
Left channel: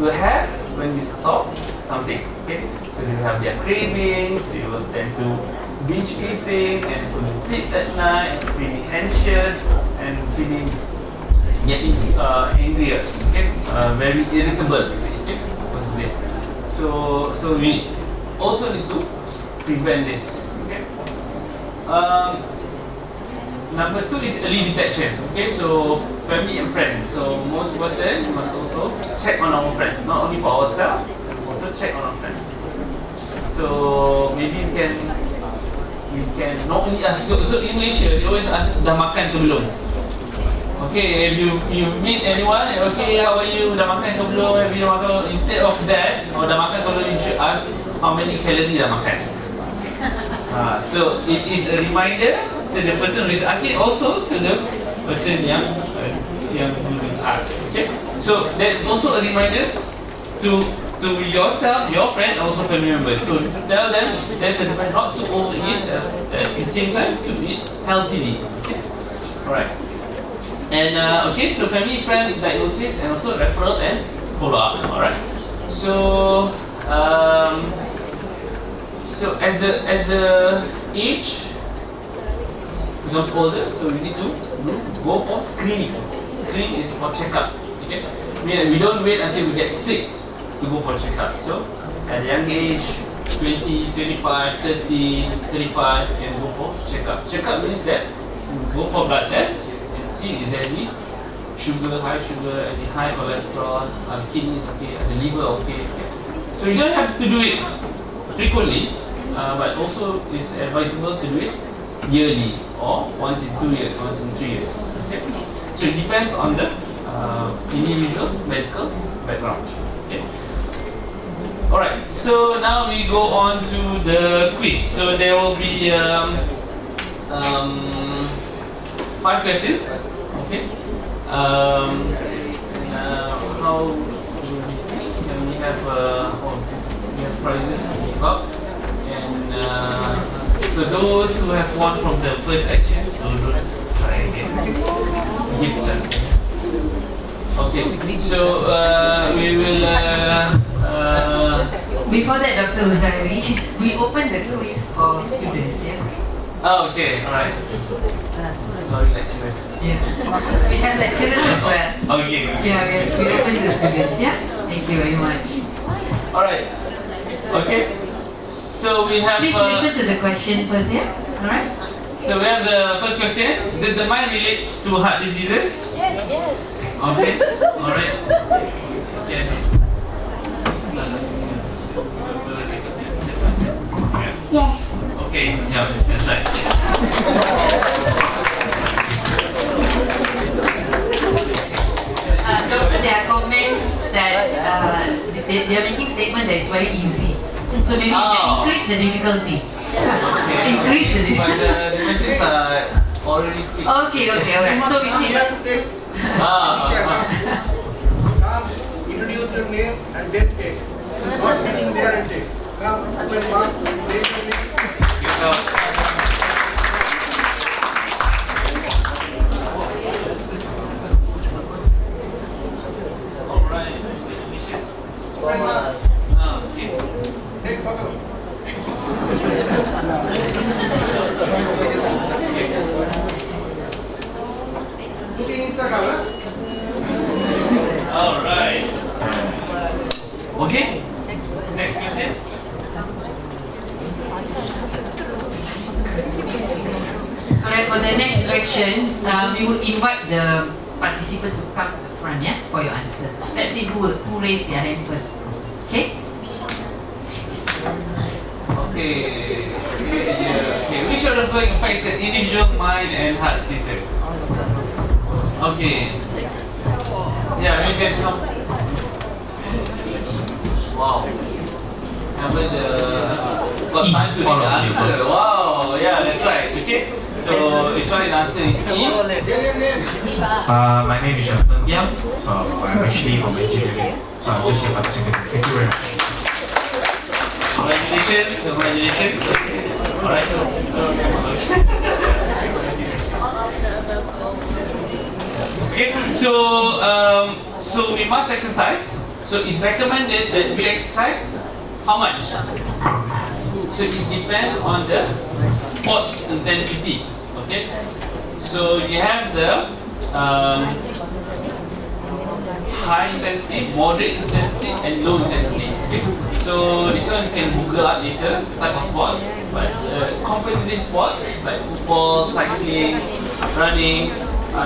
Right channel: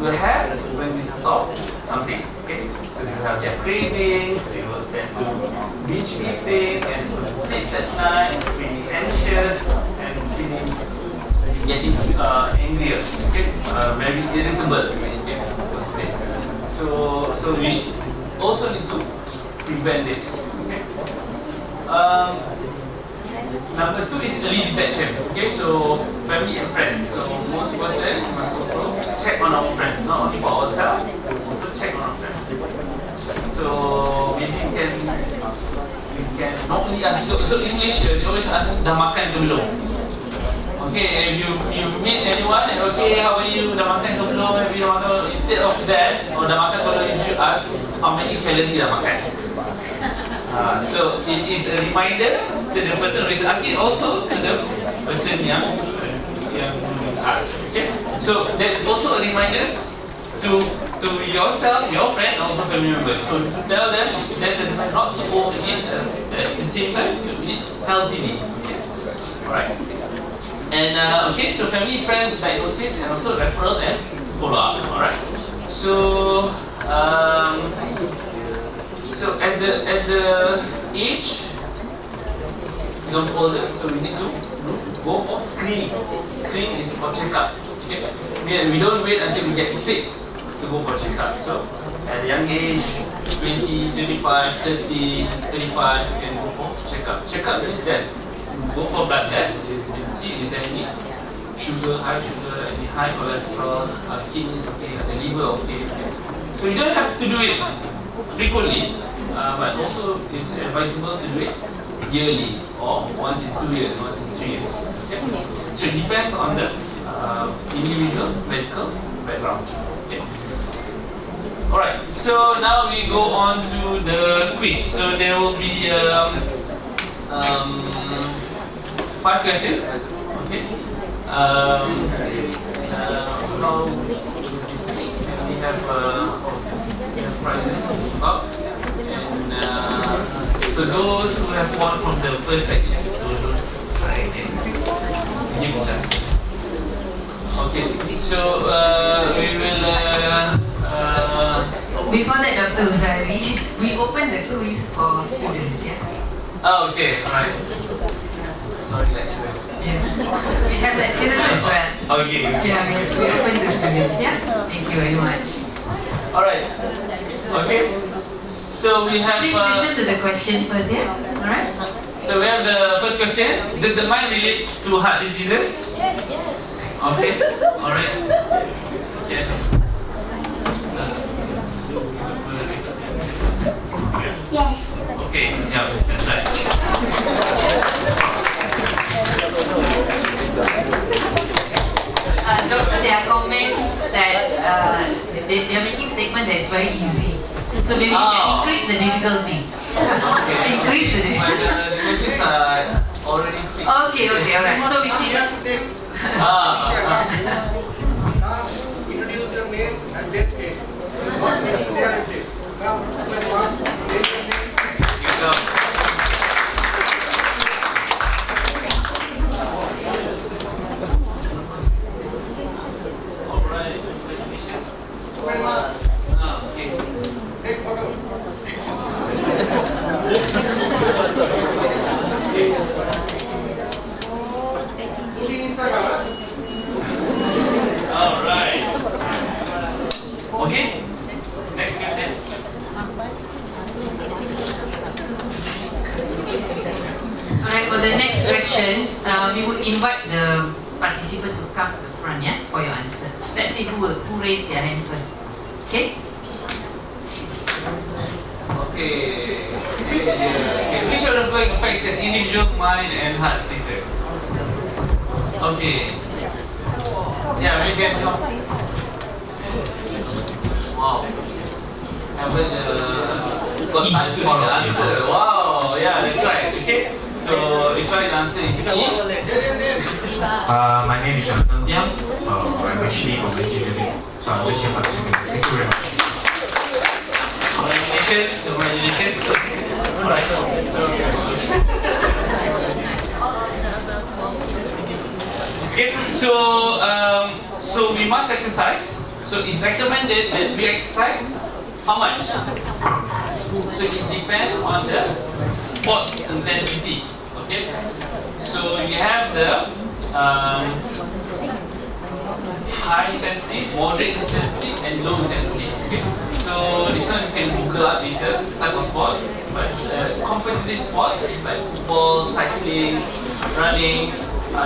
will have when you stop something. Okay, so they will have their cravings, they will tend to binge eating and couldn't sleep at night, feeling anxious and getting angrier. Okay, very irritable. Okay, because of this. So we also need to prevent this. Okay. Number 2 is early detection. Okay, so family and friends. So most important, we must also check on our friends, not only for ourselves, also check on our friends. So maybe we can not only ask. So in Malaysia, they always ask, dah makan ke belum? Okay, if you meet anyone and okay, how are you? Dah makan ke belum? Have you makan? Instead of that, or dah makan ke belum, you should ask how many calories dah makan. So it is a reminder to the person who is asking, also to the person yang asked. Okay, so there is also a reminder to yourself, your friend, and also family members. So tell them there's a not to overeat. It's same time to eat healthily. Okay, all right. And okay, so family, friends, diagnosis, and also referral and follow up. All right. So so as the age becomes older, so we need to go for screening. Screening is for checkup. Okay, we don't wait until we get sick to go for checkup. So at a young age, 20, 25, 30, 35, you can go for checkup. Checkup means that you go for blood test and see is there any sugar, any high cholesterol, kidneys okay, the liver okay. So you don't have to do it frequently, but also it's advisable to do it yearly or once in 2 years, once in 3 years. Okay? So it depends on the individual's medical background. Okay. Alright, so now we go on to the quiz. So there will be 5 questions. Okay. How do this thing? And we have prizes to give up. And so those who have won from the first section, so don't try again. Give a chance. Okay, so we will. Before that, Dr. Uzari, we open the quiz for students, yeah? Oh, okay, alright. Sorry, lecturers. Yeah. We have lecturers as well. Okay. Yeah, we open the students, yeah? Thank you very much. Alright. Okay. So we have. Please listen to the question first, yeah? Alright? So we have the first question. Does the mind relate to heart diseases? Yes. Okay. Alright. Okay. Yes. Okay. Yeah, that's right. Doctor, there are comments that they are making statement that it's very easy. So maybe you can increase the difficulty. Okay. Increase the But difficulty. the questions are already quick. Okay, alright. So we see. Now, introduce your name and death date. Not sitting there and take. Now, open mask, take your name. You go. Alright, congratulations. Open mask, Okay. take photo. Looking Instagram, huh? Alright. Okay. Next question. Alright, for the next question, we would invite the participant to come to the front, yeah, for your answer. Let's see who raised their hand first. Okay? Okay. Okay. Which of the following affects an individual mind and heart status? Okay. Yeah, we can come. Wow. Haven't got time to read the answer. Wow. Yeah, that's right. Okay. So this one, the answer is E. Tell your name. My name is Jonathan Tiam, so I'm actually from engineering, so I'm just here participating. Thank you very much. Congratulations. Congratulations. Alright. Okay. So we must exercise. So it's recommended that we exercise how much? So it depends on the sports intensity. Okay. So you have the high intensity, moderate intensity, and low intensity. Okay. So this one you can Google up later, type of sports. But competitive sports like football, cycling, running,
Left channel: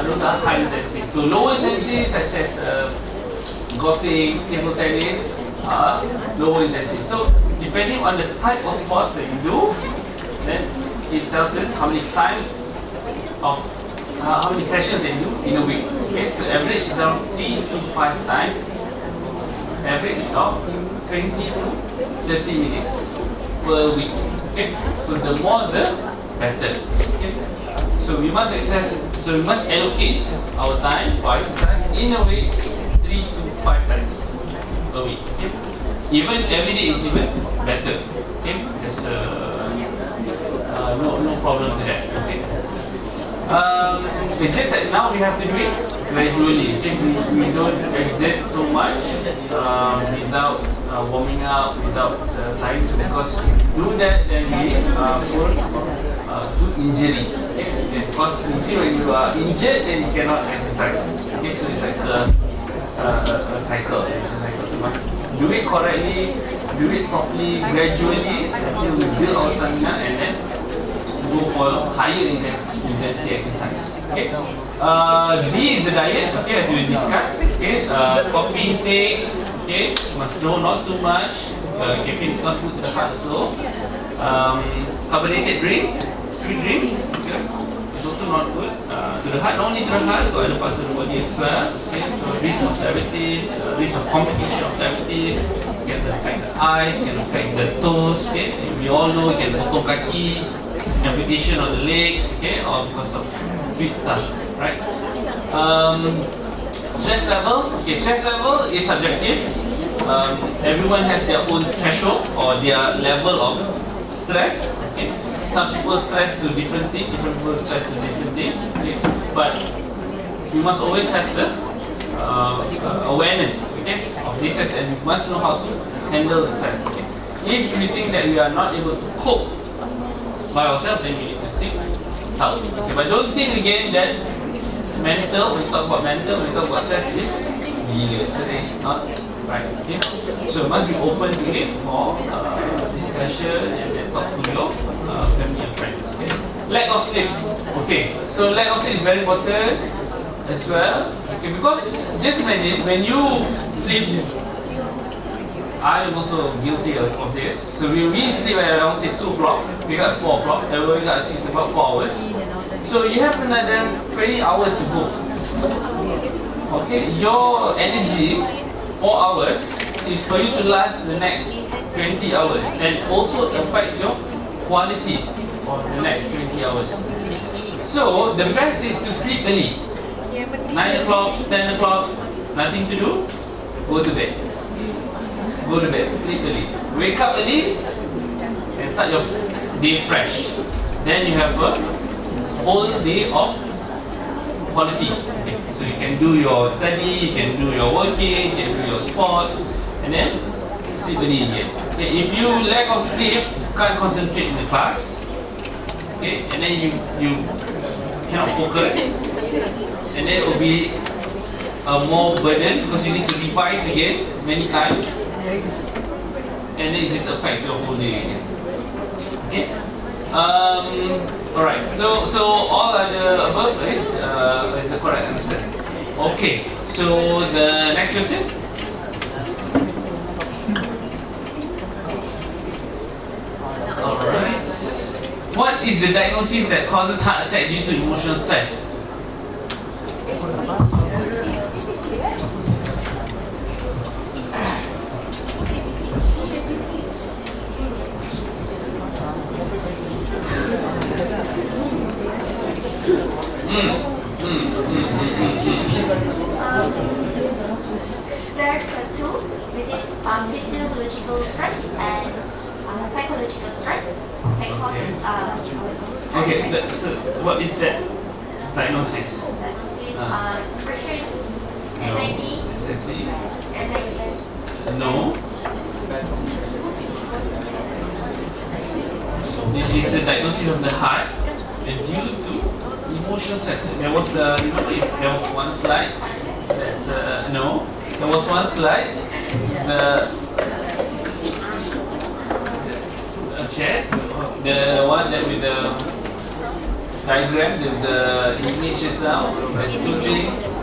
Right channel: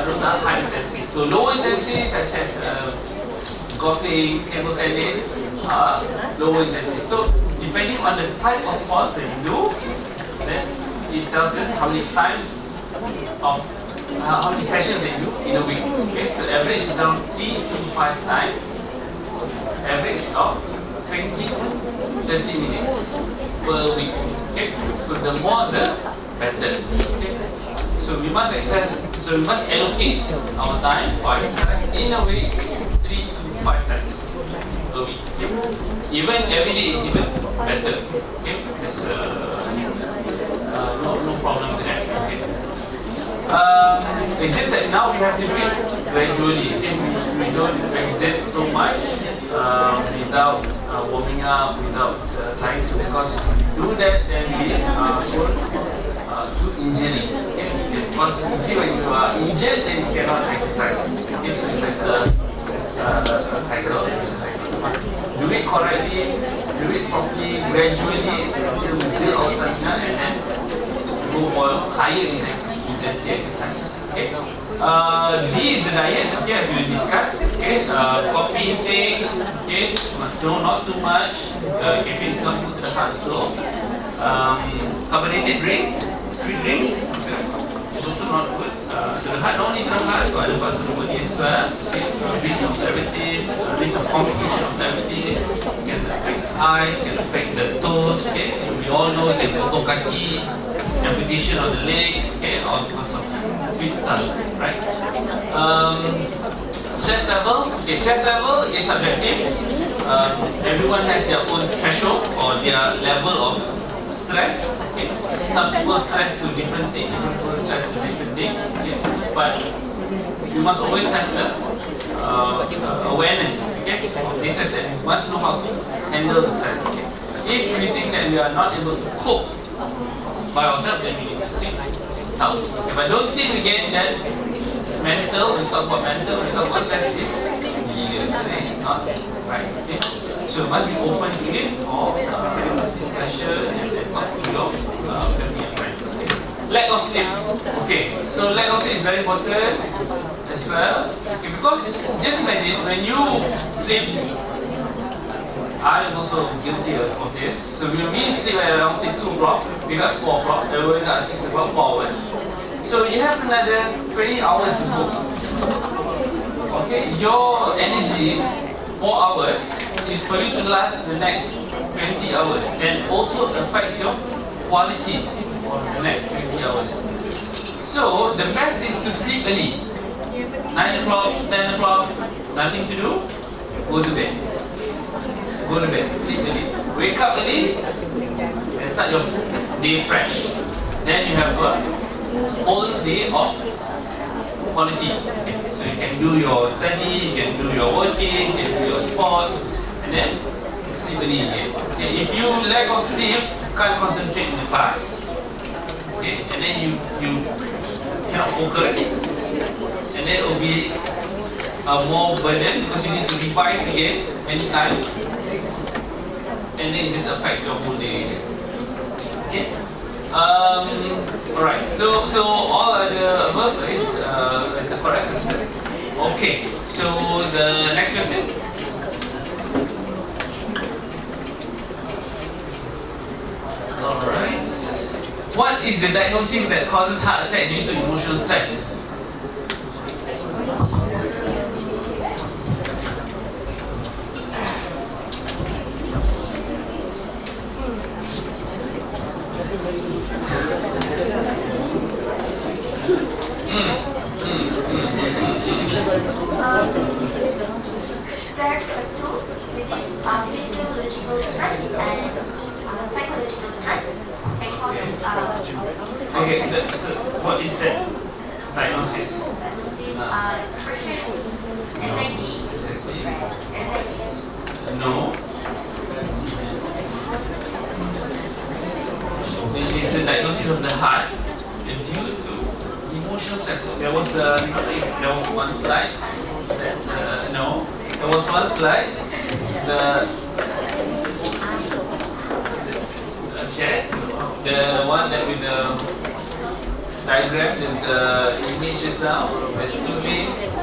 those are high intensity. So low intensity such as golfing, table tennis are low intensity. So depending on the type of sports that you do, then it tells us how many times of how many sessions that you do in a week. Okay, so average is around 3 to 5 times. Average of 20 to 30 minutes per week. Okay, so the more the better. Okay, so we must allocate our time for exercise in a week 3 to 5 times per week. Okay, even every day is even better. Okay, there's no problem to that. Okay. It's just that now we have to do it gradually. Okay, we don't exert so much without warming up, without trying to, because do that then we prone to injury. Okay, because usually when you are injured, then you cannot exercise. Okay, so it's like a cycle. So must do it correctly, do it properly, gradually until we build our stamina and then go for higher intensity exercise. Okay. D is the diet. Okay, as we discussed. Okay. Coffee intake. Okay. Must know not too much. Caffeine is not good to the heart. So, carbonated drinks, sweet drinks. Okay. It's also not good to the heart. Not only to the heart, to other parts of the body as well. Okay. So, risk of diabetes, risk of complication of diabetes can affect the eyes, can affect the toes. Okay. We all know it can potong kaki, amputation of the leg, okay, all because of sweet stuff, right? Stress level, okay, stress level is subjective. Everyone has their own threshold or their level of stress. Okay, some people stress to different things, different people stress to different things. Okay, but you must always have the awareness, okay, of this stress, and you must know how to handle the stress. Okay, if we think that we are not able to cope by ourselves, then we need to seek help. Okay, but don't think again that mental, when we talk about mental, when we talk about stress, is gila. So that is not right. Okay, so you must be open to it for discussion and talk to your family and friends. Okay, lack of sleep. Okay, so lack of sleep is very important as well. Okay, because just imagine when you sleep. I am also guilty of this. So we sleep at around say 2 o'clock, wake up 4 o'clock, and we wake up at 6 o'clock, 4 hours. So you have another 20 hours to go. Okay, your energy 4 hours is for you to last the next 20 hours, and also affects your quality for the next 20 hours. So the best is to sleep early. 9 o'clock, 10 o'clock, nothing to do, go to bed. Go to bed, sleep early. Wake up early and start your day fresh. Then you have a whole day of quality. Okay. So you can do your study, you can do your working, you can do your sports, and then sleep early again. Okay. If you lack of sleep, you can't concentrate in the class. Okay, and then you cannot focus, and then it will be more burden because you need to revise again many times. And then it just affects your whole day again. Okay. Alright. So all the above is the correct answer. Okay. So the next question. Alright. What is the diagnosis that causes heart attack due to emotional stress? There's two, which is physiological stress and psychological stress can cause Okay, so what is that diagnosis? diagnosis, depression, anxiety, No. It is a diagnosis of the heart due to emotional stress. There was, remember, there was one slide that, no, there was one slide, the chat, the one that with the diagram, the image is now, there's two things.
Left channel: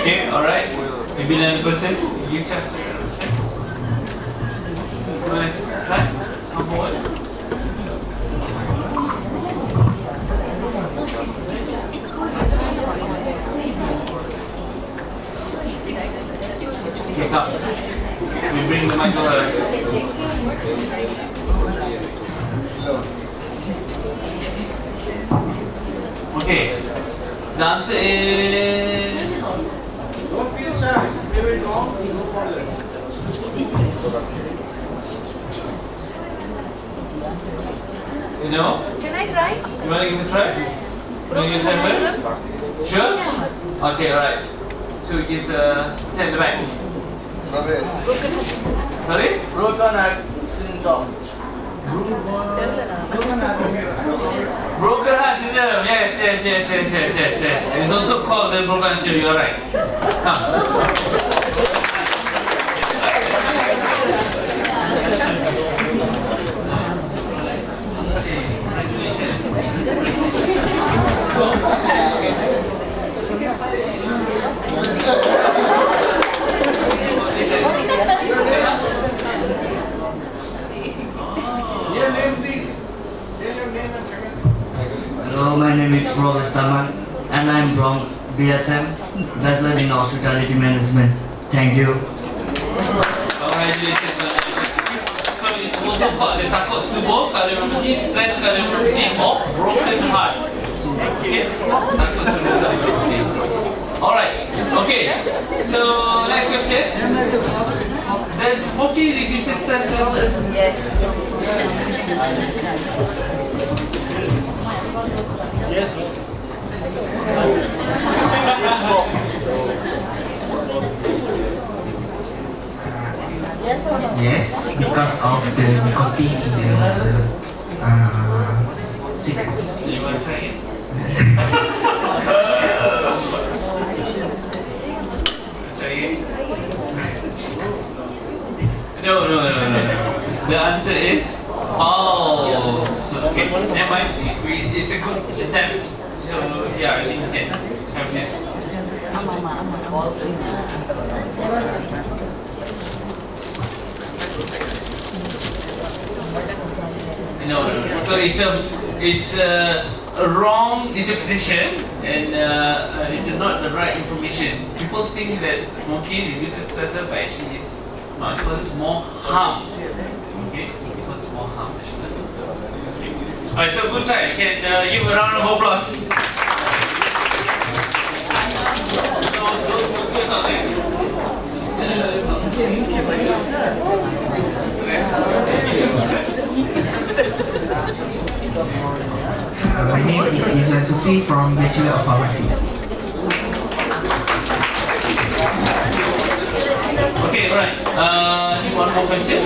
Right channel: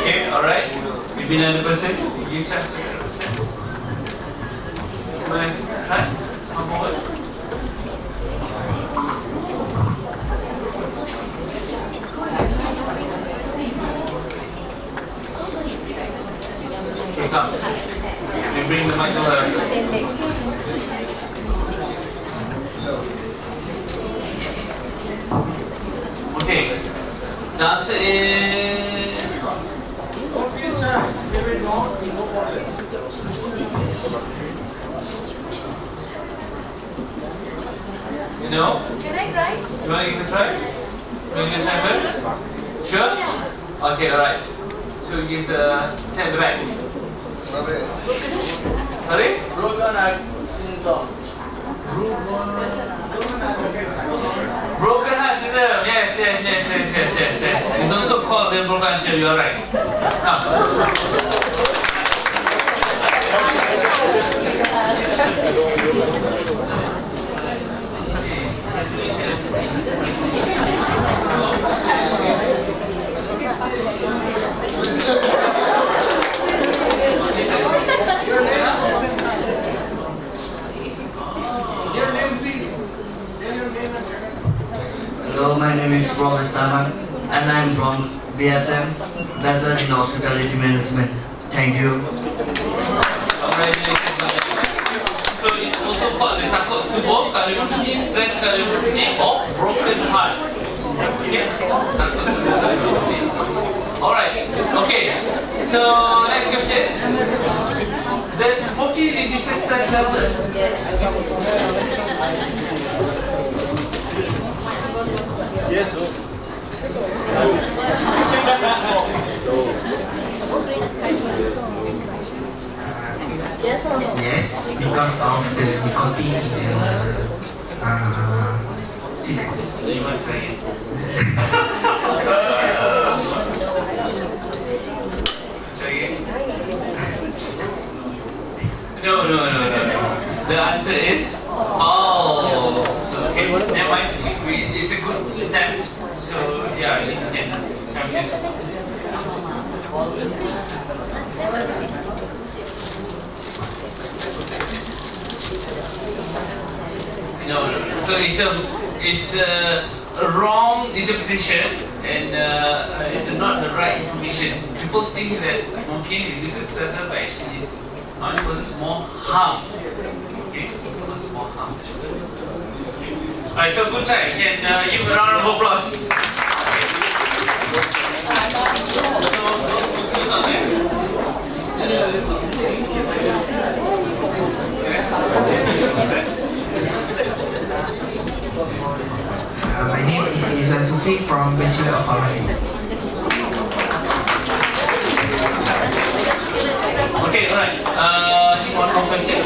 Okay, alright. Maybe another person, you chance to another person. You want to try? Come forward. Okay, come. We bring the mic over. Okay. The answer is... Don't feel shy. If you wait long, no problem. No? Can I try? You want to give it a try? You want to give it a try first? Sure? Okay, alright. So we give the stand the back. Sorry? Broken heart syndrome. Broken heart syndrome. Yes. It's also called the broken heart syndrome. You're right. Come. Your name, please. Tell your name and second. Hello, my name is Robert Staman and I'm from BSM, Bachelor in Hospitality Management. Thank you. Congratulations. So it's also called the takut subuh cardiomyopathy, stress cardiomyopathy, or broken heart. Okay? Takut subuh cardiomyopathy. Alright. Okay. So next question. Does smoking reduces stress level? Yes. Yes. Yes or no? Yes, because of the nicotine in the cigarettes. You want to try it? Try it? No. The answer is false. Okay, never mind. It's a good attempt. So yeah, I think you can have this. No. So it's a wrong interpretation and it's not the right information. People think that smoking reduces stress level, but actually it's not. It causes more harm. Okay, it causes more harm. Alright, so good try. You can give a round of applause. So don't focus on that. My name is Izan Sufi from Bachelor of Pharmacy. Okay, alright. One more question.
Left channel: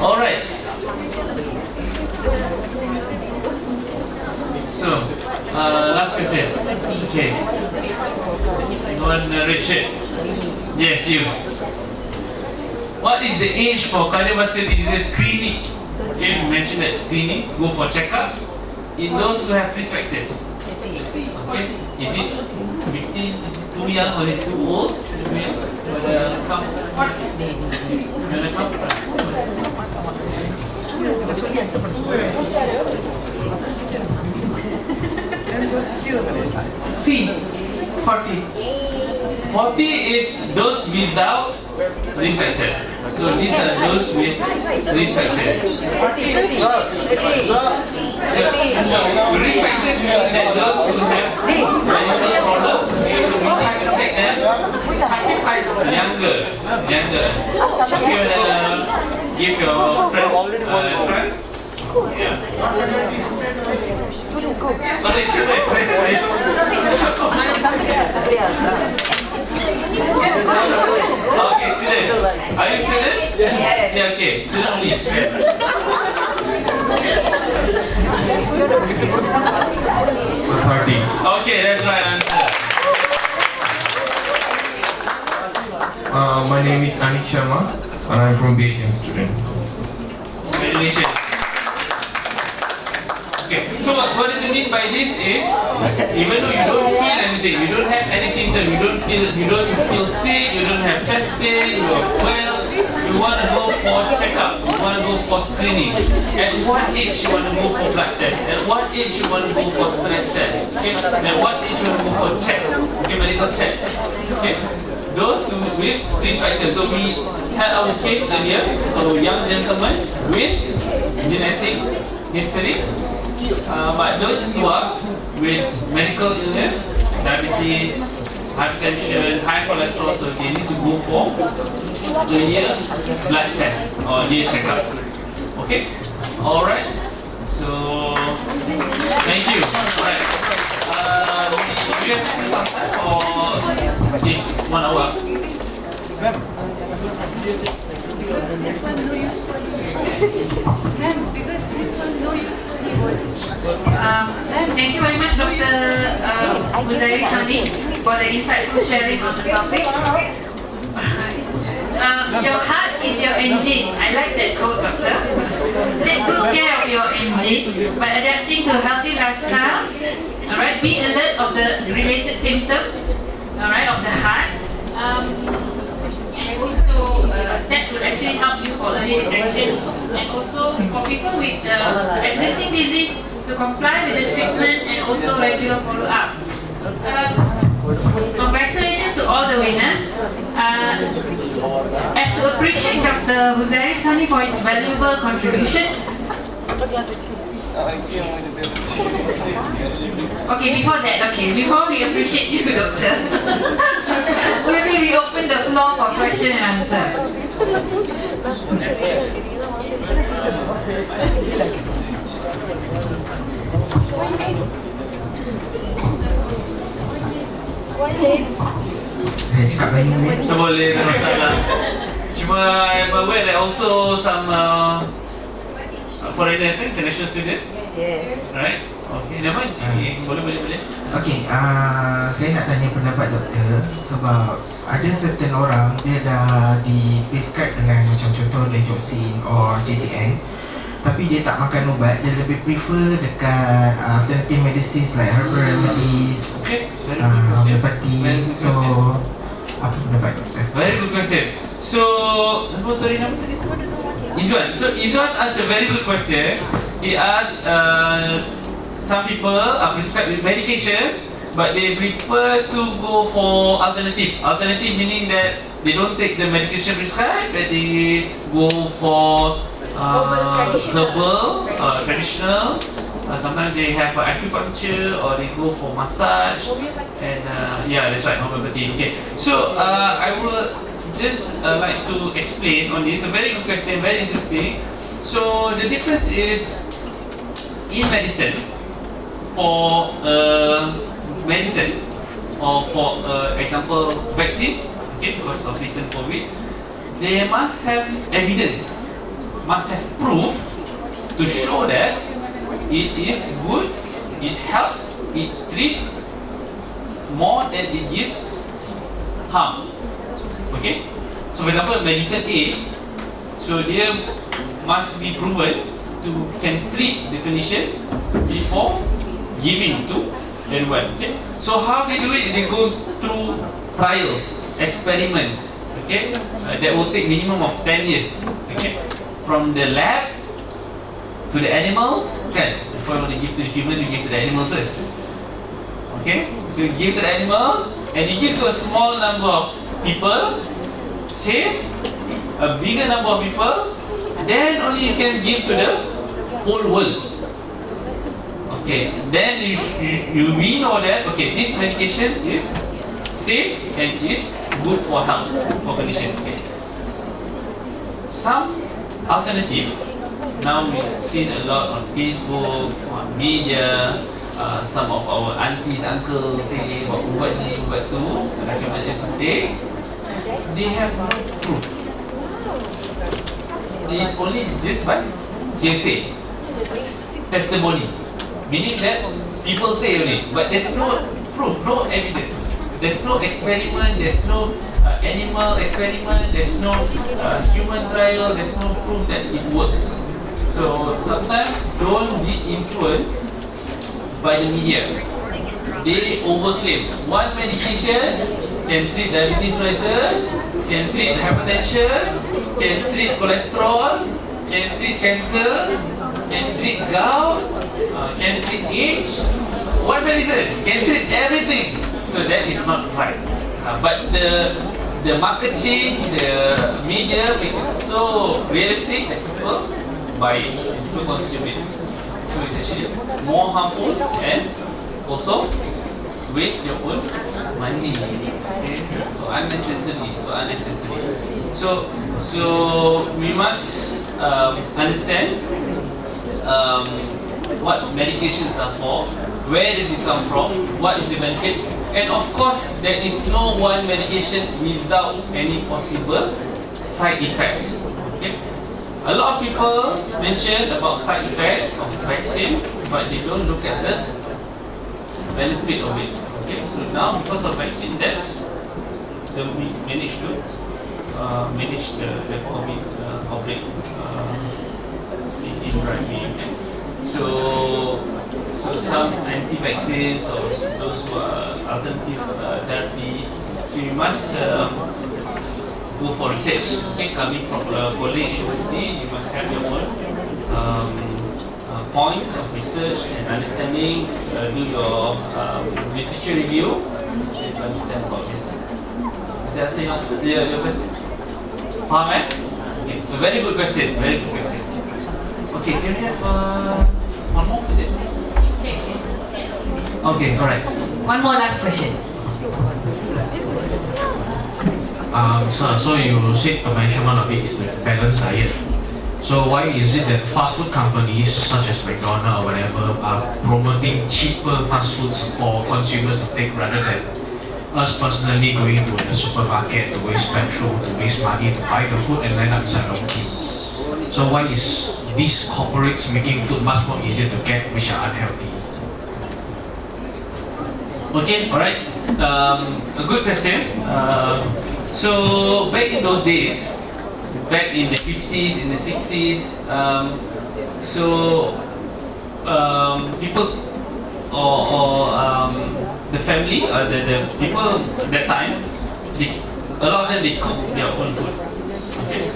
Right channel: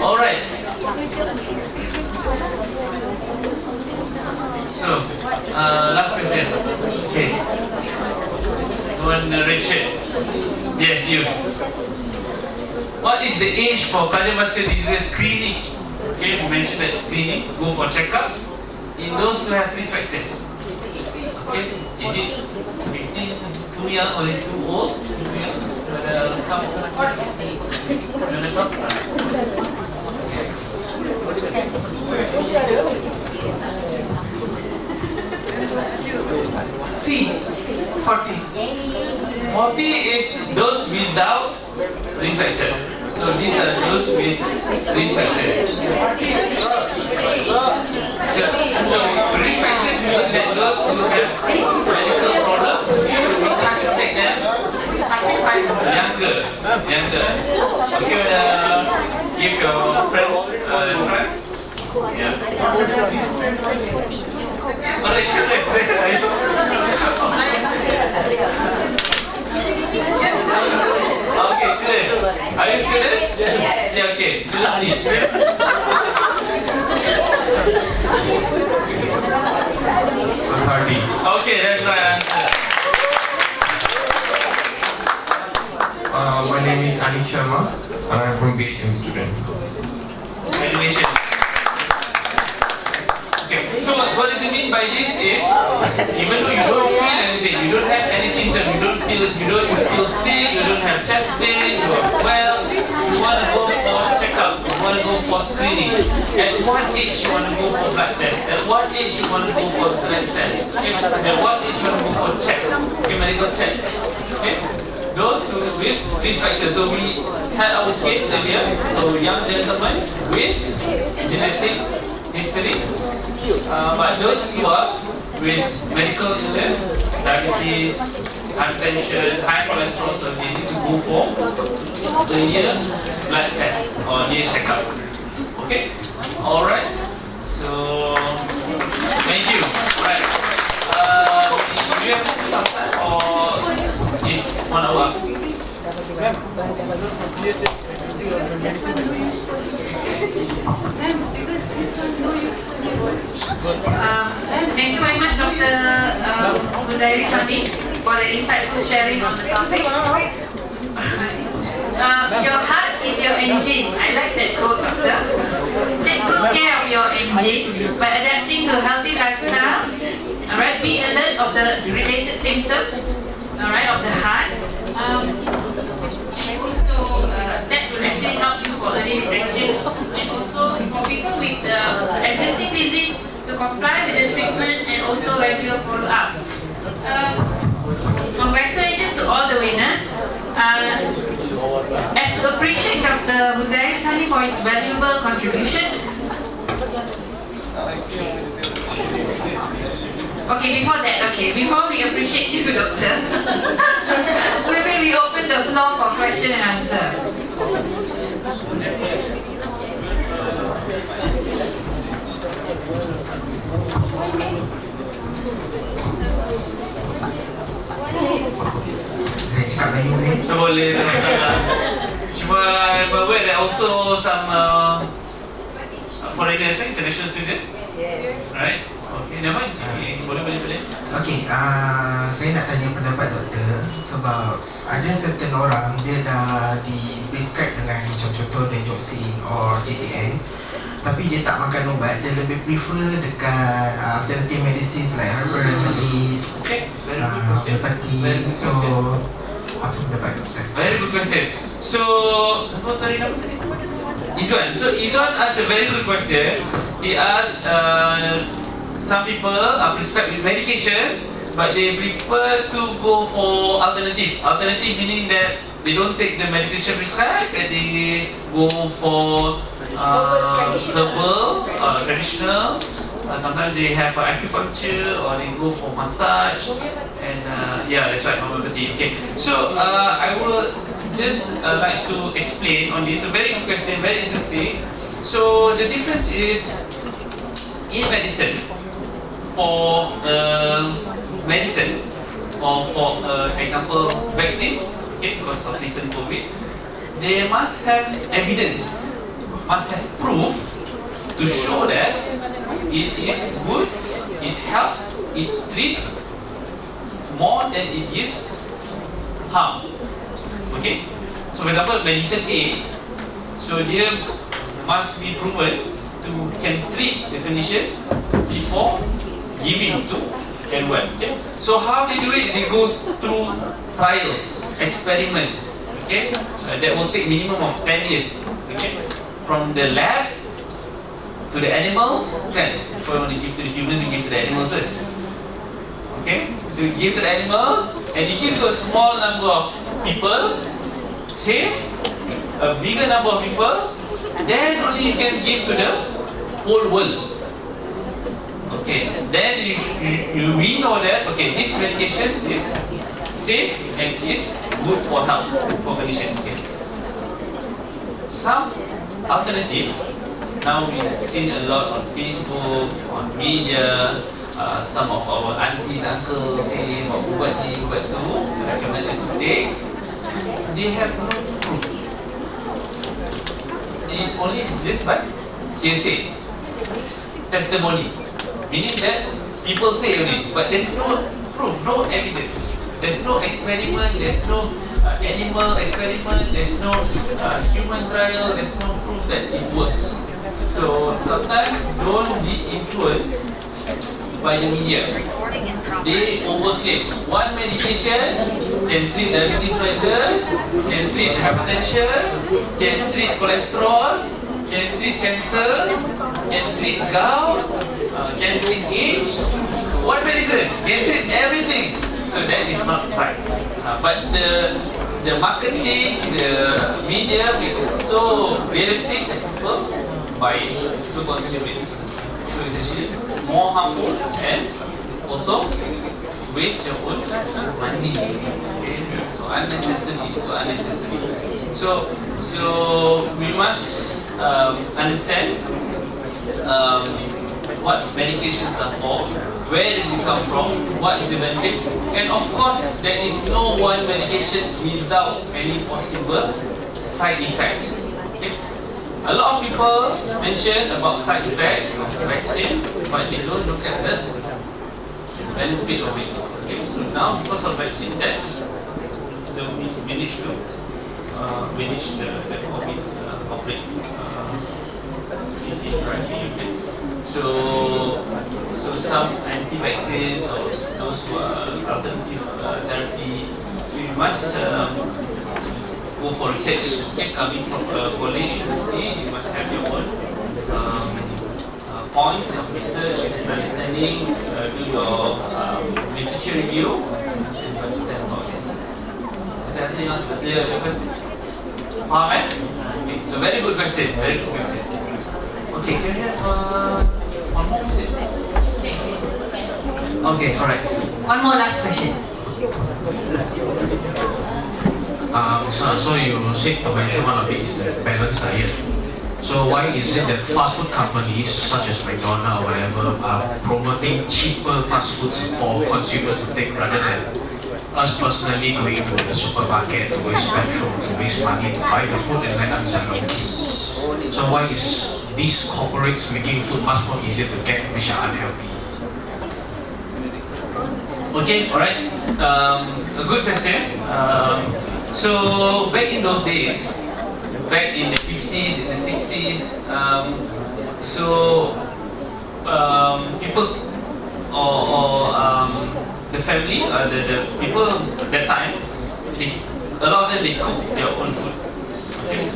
Alright. So, last question. Okay. One Richard. Yes, you. What is the age for cardiovascular disease screening? Okay, we mentioned that screening, go for checkup in those who have risk factors. Okay, is it 15? Is it too young or is it too old? Too young? You wanna come? You wanna come? C, 40. 40 is those without risk factor. So these are those with risk factors. So risk factors mean that those who have medical problem, so we have to check them 35 younger. Okay, you wanna give your friend a try? Yeah. Oh, they should have said okay, student. Are you student? Yes. Yeah, okay. Student only. So 30. Okay, that's right answer. My name is Anik Sharma and I'm from UiTM student. Congratulations. Okay, so what does it mean by this is, even though you don't feel anything, you don't have any symptom, you don't feel sick, you don't have chest pain, you are well, you want to go for checkup, you want to go for screening. At what age you want to go for blood test? At what age you want to go for stress test? Okay? At what age you want to go for check? Okay, medical check. Okay? Those with risk factors. So we had our case earlier. So young gentleman with genetic history. But those who are with medical illness, diabetes, hypertension, high cholesterol, so they need to go for a year blood test or year checkup. Okay, all right. So thank you. All right. Do you have still some time or is 1 hour? Thank you very much, Dr. Huzairi Sani, for the insightful sharing on the topic. Your heart is your engine. I like that quote, Doctor. Take good care of your engine by adapting to a healthy lifestyle. Alright, be alert of the related symptoms, alright, of the heart. And also, that will actually help you for early detection. And also, for people with existing disease, to comply with the treatment and also regular follow-up. Congratulations to all the winners. As to appreciate Dr. Huzairi Sani for his valuable contribution. Okay, before we appreciate you, Doctor, maybe we open the floor for question and answer. Saya cakap Melayu boleh? Boleh, tak masalah. Cuma I'm aware that also some foreigners, international students. Yes. Right? Okay, nama sini. Boleh. Okey, saya nak tanya pendapat doktor sebab ada certain orang dia dah di-prescribe dengan macam contoh digoxin or JTN, tapi dia tak makan ubat, dia lebih prefer dekat alternative medicines like herbal remedies, Okay, very good question. homeopathy. Very good So question. apa pendapat doktor? Very good question. So, sorry, nama tadi? Izwan. So Izwan asked a very good question. He asked, some people are prescribed with medications, but they prefer to go for alternative. Alternative meaning that they don't take the medication prescribed, but they go for herbal, traditional. Sometimes they have acupuncture or they go for massage. And yeah, that's right, homeopathy. Okay. So I will just like to explain on this. A very good question, very interesting. So the difference is in medicine, for medicine or for example vaccine, okay, because of recent COVID, they must have evidence, must have proof to show that it is good, it helps, it treats more than it gives harm. Okay? So for example, medicine A, so dia must be proven to can treat the condition before giving to anyone. Okay? So how they do it? They go through trials, experiments. Okay? That will take minimum of 10 years. Okay? From the lab to the animals. Okay? Before you want to give to the humans, you give to the animals first. Okay? So you give to the animals, and you give to a small number of people, save a bigger number of people, then only you can give to the whole world. Okay, then we know that okay, this medication is safe and is good for health, for condition. Okay. Some alternative, now we've seen a lot on Facebook, on media. Some of our aunties, uncles say ubat ni, ubat tu, recommended to take. They have no proof. It is only just by hearsay, testimony, meaning that people say only, but there's no proof, no evidence. There's no experiment, there's no animal experiment, there's no human trial, there's no proof that it works. So sometimes don't be influenced by the media. They overclaim. One medication can treat diabetes mellitus, can treat hypertension, can treat cholesterol, can treat cancer, can treat gout, can treat age. One medicine can treat everything. So that is not right. But the marketing, the media makes it so realistic that people buy it, to consume it. So it's actually more harmful and also waste your own money. Okay? So unnecessary. So we must understand what medications are for, where does it come from, what is the benefit, and of course there is no one medication without any possible side effects. Okay? A lot of people mention about side effects of vaccine, but they don't look at the benefit of it. Okay, so now because of vaccine, that we managed to manage the COVID outbreak in Rugby. Okay, so some anti-vaccines or those alternative therapy, so you must go for research. Okay, coming from a college university, you must have your own points of research and understanding. Do your literature review and to understand about this. Does that answer your question? Okay, so very good question. Very good question. Okay, can we have one more? Is it? Okay, all right. One more last question. So you said to mention one of it is the balanced diet. So why is it that fast food companies such as McDonald's or whatever are promoting cheaper fast foods for consumers to take rather than us personally going to the supermarket to waste petrol, to waste money to buy the food and land up inside our team? So why is these corporates making food much more easier to get which are unhealthy? Okay, all right. A good question. So back in those days, back in the 50s, in the 60s, people or the family, the people at that time, a lot of them, they cook their own food. Okay,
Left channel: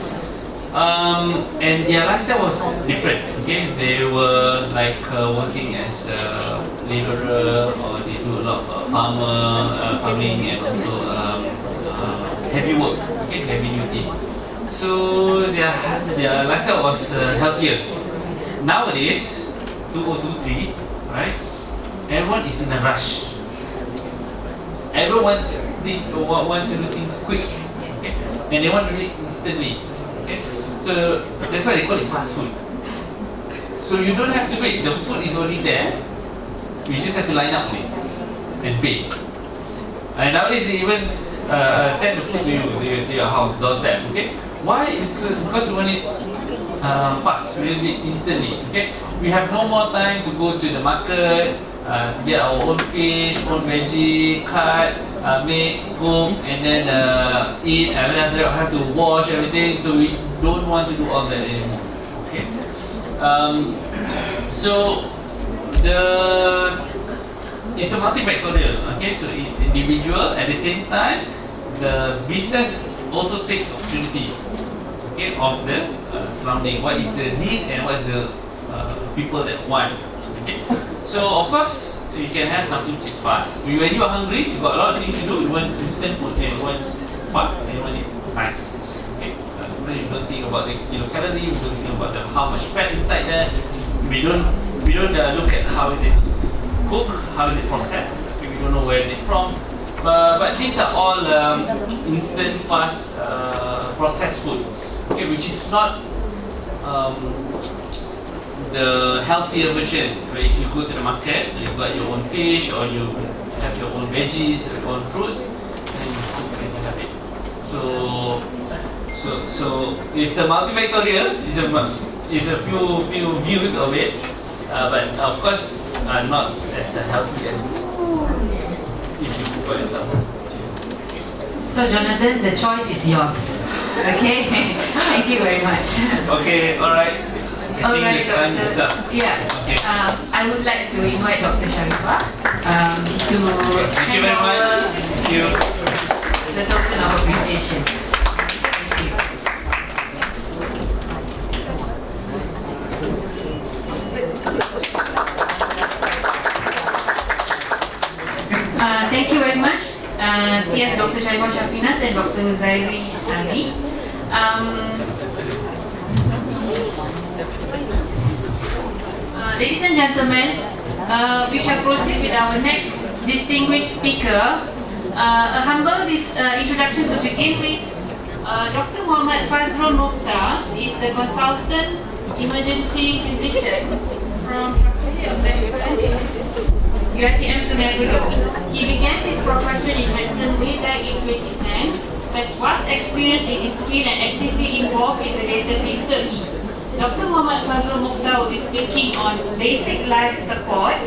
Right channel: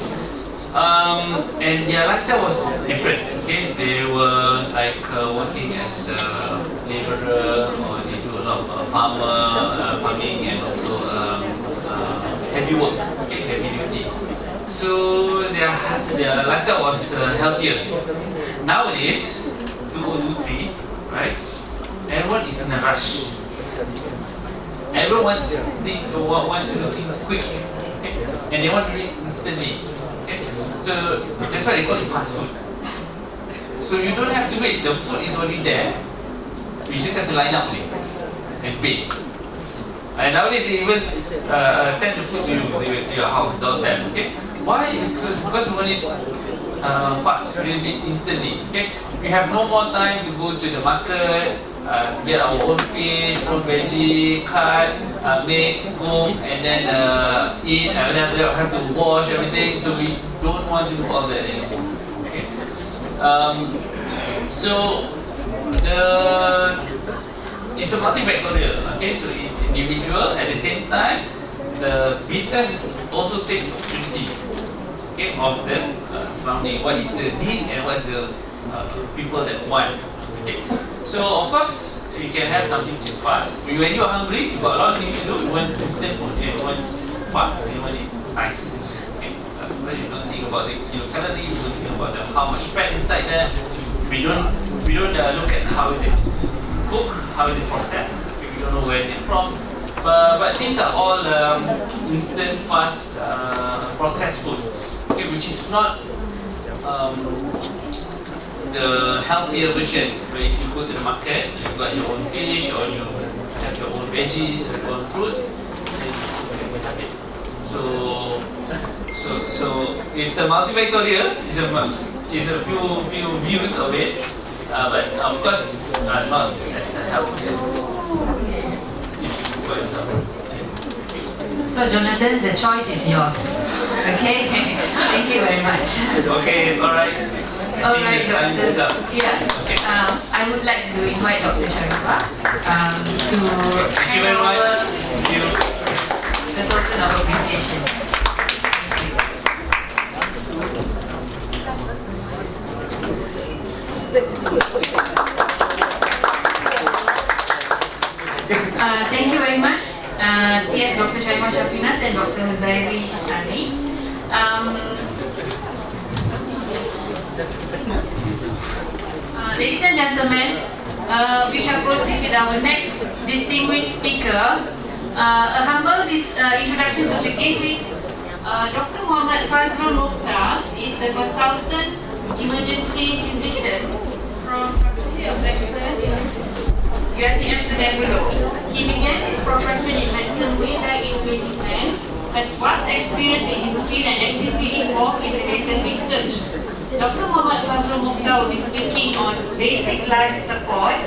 and their lifestyle was different. Okay, they were like working as a laborer, or they do a lot of farming, and also heavy work. Okay, heavy duty. So their lifestyle was healthier. Nowadays, 2023, right? Everyone is in a rush. Everyone wants to do things quick, okay? And they want to do it instantly. Okay? So that's why they call it fast food. So you don't have to wait. The food is already there. You just have to line up and pay. And nowadays they even send the food to you, to your house, doorstep. Okay? Why? Because we want it fast, really instantly. Okay? We have no more time to go to the market to get our own fish, own veggie, cut, mix, cook, and then eat, and then after that have to wash everything. So we don't want to do all that anymore. Okay? So it's a multifactorial. Okay? So it's individual. At the same time, the business also takes opportunity, okay, of the surrounding. What is the need and what's the people that want. Okay, so of course you can have something which is fast. When you are hungry, you got a lot of things to do. You want instant food, and you want fast, and you want it nice. Okay, sometimes you don't think about the kilocalorie, you don't think about how much fat inside there. We don't look at how is it cooked, how is it processed. Okay, we don't know where is it from. But these are all instant, fast, processed food. Okay, which is not the healthier version. Where if you go to the market, you got your own fish, or you have your own veggies, your own fruits, then you cook and you have it. So it's a multifactorial. It's a few views of it, but of course not as healthy as if you cook for yourself. So Jonathan, the choice is yours. Okay, thank you very much. Okay, all right. All right, Doctor. Yeah. Okay. I would like to invite Dr. Sharifah to Thank you very much. Thank you. The token of appreciation. Thank you. Thank you very much, TS Dr. Sharifah Shafinas and Dr. Huzairi Sani. Ladies and gentlemen, we shall proceed with our next distinguished speaker. A humble introduction to begin with. Dr. Muhammad Fazrul Mokhtar is the consultant emergency physician from Faculty of Medicine, UiTM Sungai Buloh. He began his profession in medicine way back in 2010, has vast experience in his field and actively involved in related research. Dr. Muhammad Fazrul Mokhtar will be speaking on basic life support,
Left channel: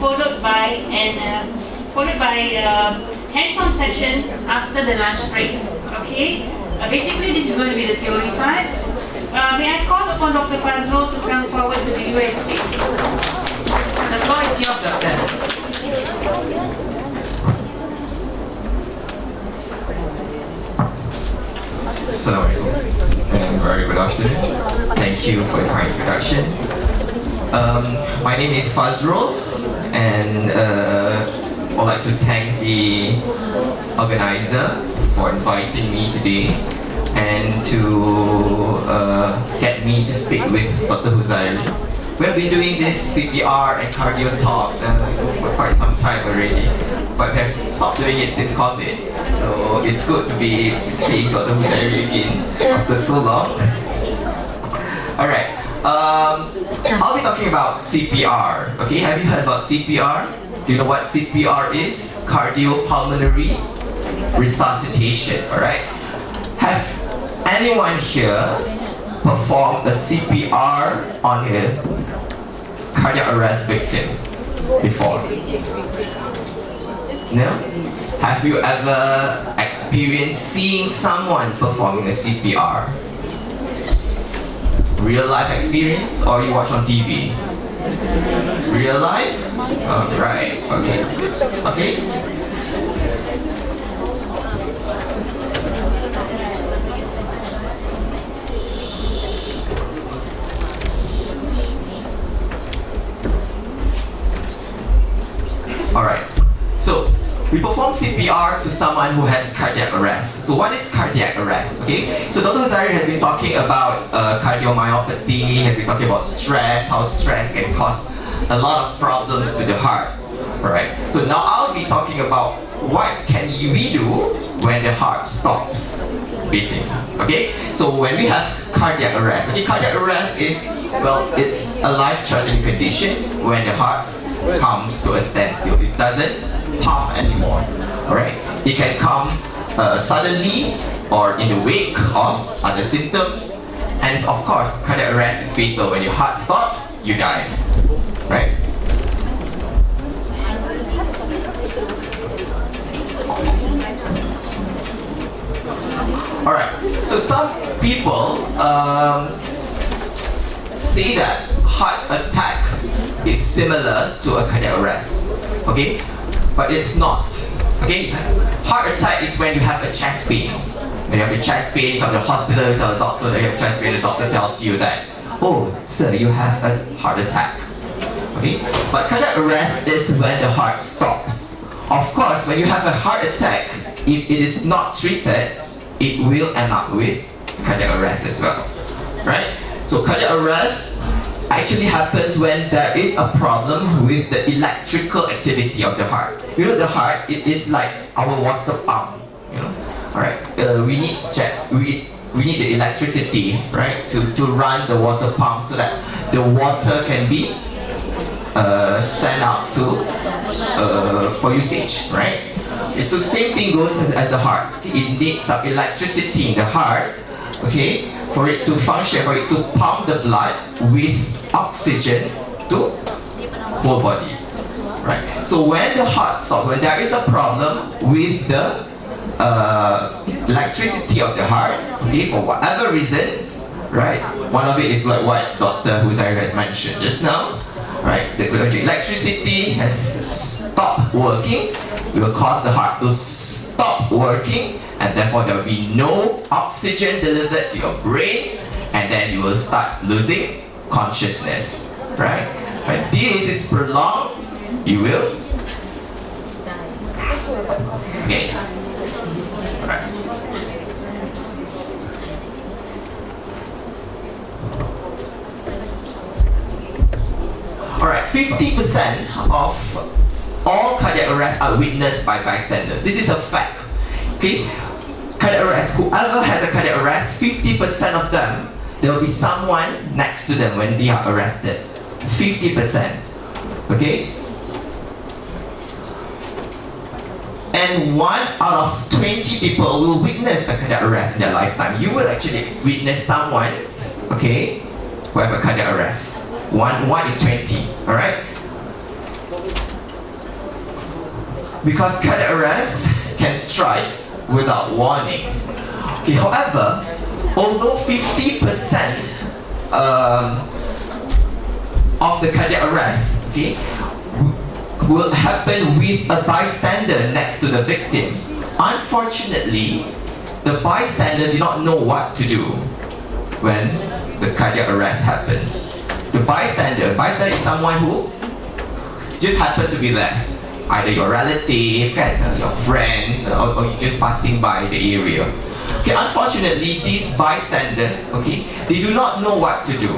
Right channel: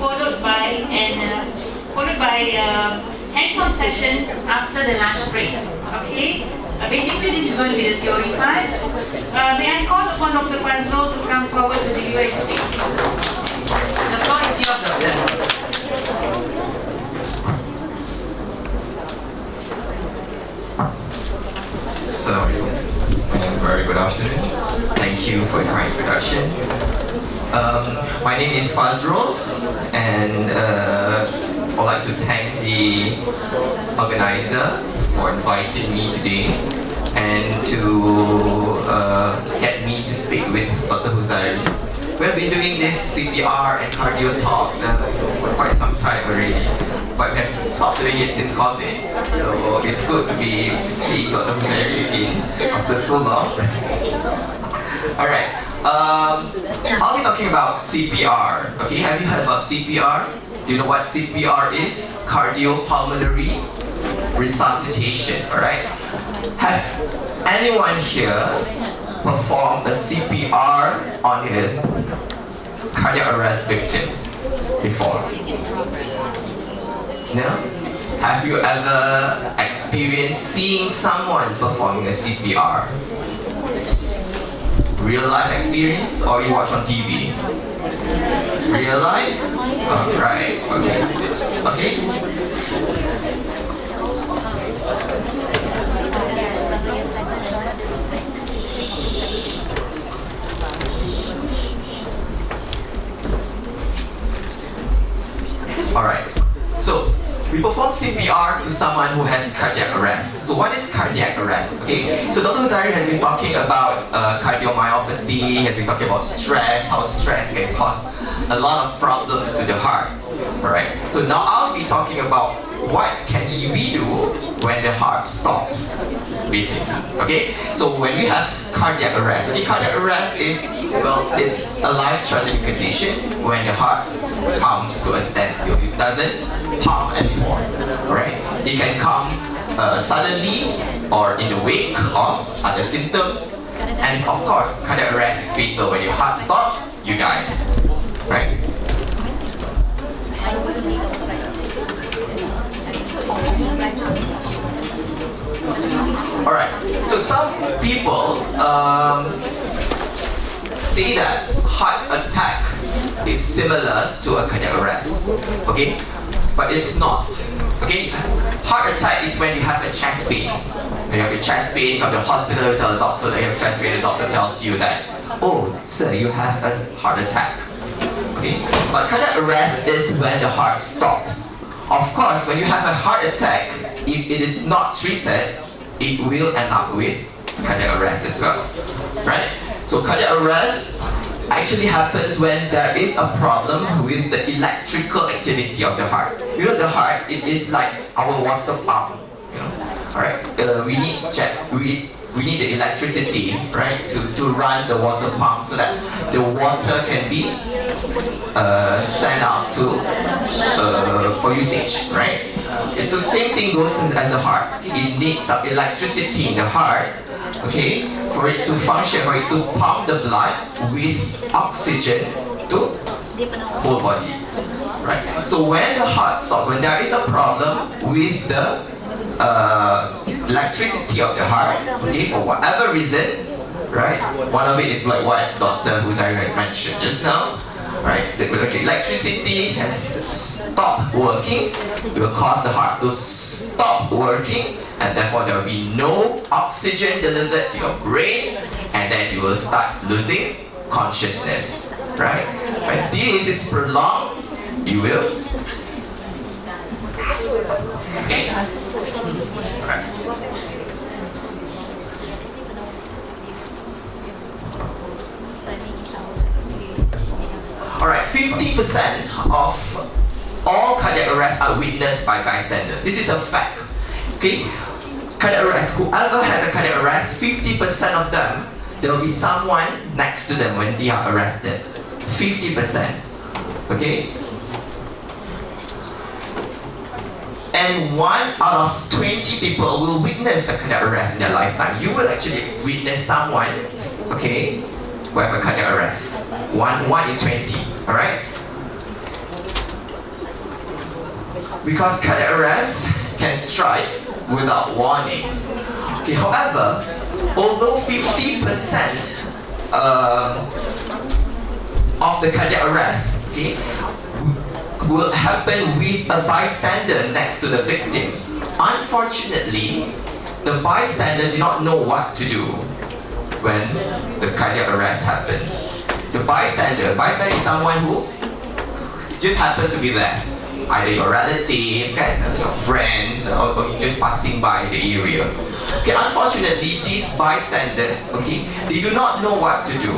followed by hands-on session after the lunch break. Okay, basically this is going to be the theory part. May I call upon Dr. Fazrul to come forward to the US speech? The floor is yours, Doctor. Assalamualaikum and very good afternoon. Thank you for your kind introduction. My name is Fazrul, and I'd like to thank the organizer for inviting me today and to get me to speak with Dr. Huzairi. We have been doing this CPR and cardio talk for quite some time already, but we have stopped doing it since COVID. So it's good to be seeing Dr. Huzairi again after so long. Alright, I'll be talking about CPR. Okay, have you heard about CPR? Do you know what CPR is? Cardiopulmonary resuscitation, alright? Have anyone here performed a CPR on a cardiac arrest victim before? No? Have you ever experienced seeing someone performing a CPR? Real life experience, or you watch on TV? Real life? Oh, right, okay. Okay? Alright, so we perform CPR to someone who has cardiac arrest. So what is cardiac arrest? Okay, so Dr. Huzairi has been talking about cardiomyopathy, has been talking about stress, how stress can cause a lot of problems to the heart. Alright, so now I'll be talking about what can we do when the heart stops beating. Okay, so when we have cardiac arrest, okay, cardiac arrest is, well, it's a life-threatening condition when the heart comes to a standstill. It doesn't pump anymore. Alright? It can come suddenly or in the wake of other symptoms. And it's, of course, cardiac arrest is fatal. When your heart stops, you die. Right? Alright, so some people say that heart attack is similar to a cardiac arrest, okay? But it's not, okay? Heart attack is when you have a chest pain. When you have a chest pain, you come to the hospital, you tell the doctor that you have a chest pain, the doctor tells you that, oh, sir, you have a heart attack, okay? But cardiac arrest is when the heart stops. Of course, when you have a heart attack, if it is not treated, it will end up with cardiac arrest as well, right? So cardiac arrest actually happens when there is a problem with the electrical activity of the heart. You know, the heart, it is like our water pump, you know. Alright, we need the electricity, right, to run the water pump so that the water can be sent out to for usage, right? So same thing goes as the heart. It needs some electricity in the heart, okay, for it to function, for it to pump the blood with oxygen to whole body, right? So when the heart stops, when there is a problem with the electricity of the heart, okay, for whatever reason, right? One of it is like what Dr. Huzairi has mentioned just now, right? The electricity has stopped working, it will cause the heart to stop working, and therefore there will be no oxygen delivered to your brain, and then you will start losing consciousness, right? When this is prolonged, you will okay. Alright. Alright, 50% of all cardiac arrests are witnessed by bystanders. This is a fact. Okay? cardiac arrest, whoever has a cardiac arrest, 50% of them, there will be someone next to them when they are arrested. 50%. Okay? And 1 out of 20 people will witness a cardiac arrest in their lifetime. You will actually witness someone, okay, who have a cardiac arrest. 1 in 20, alright? Because cardiac arrest can strike without warning. Okay, however, although 50% of the cardiac arrest, okay, will happen with a bystander next to the victim, unfortunately, the bystander do not know what to do when the cardiac arrest happens. The bystander is someone who just happened to be there. Either your relative, your friends, or you're just passing by the area. Okay, unfortunately, these bystanders, okay, they do not know what to do.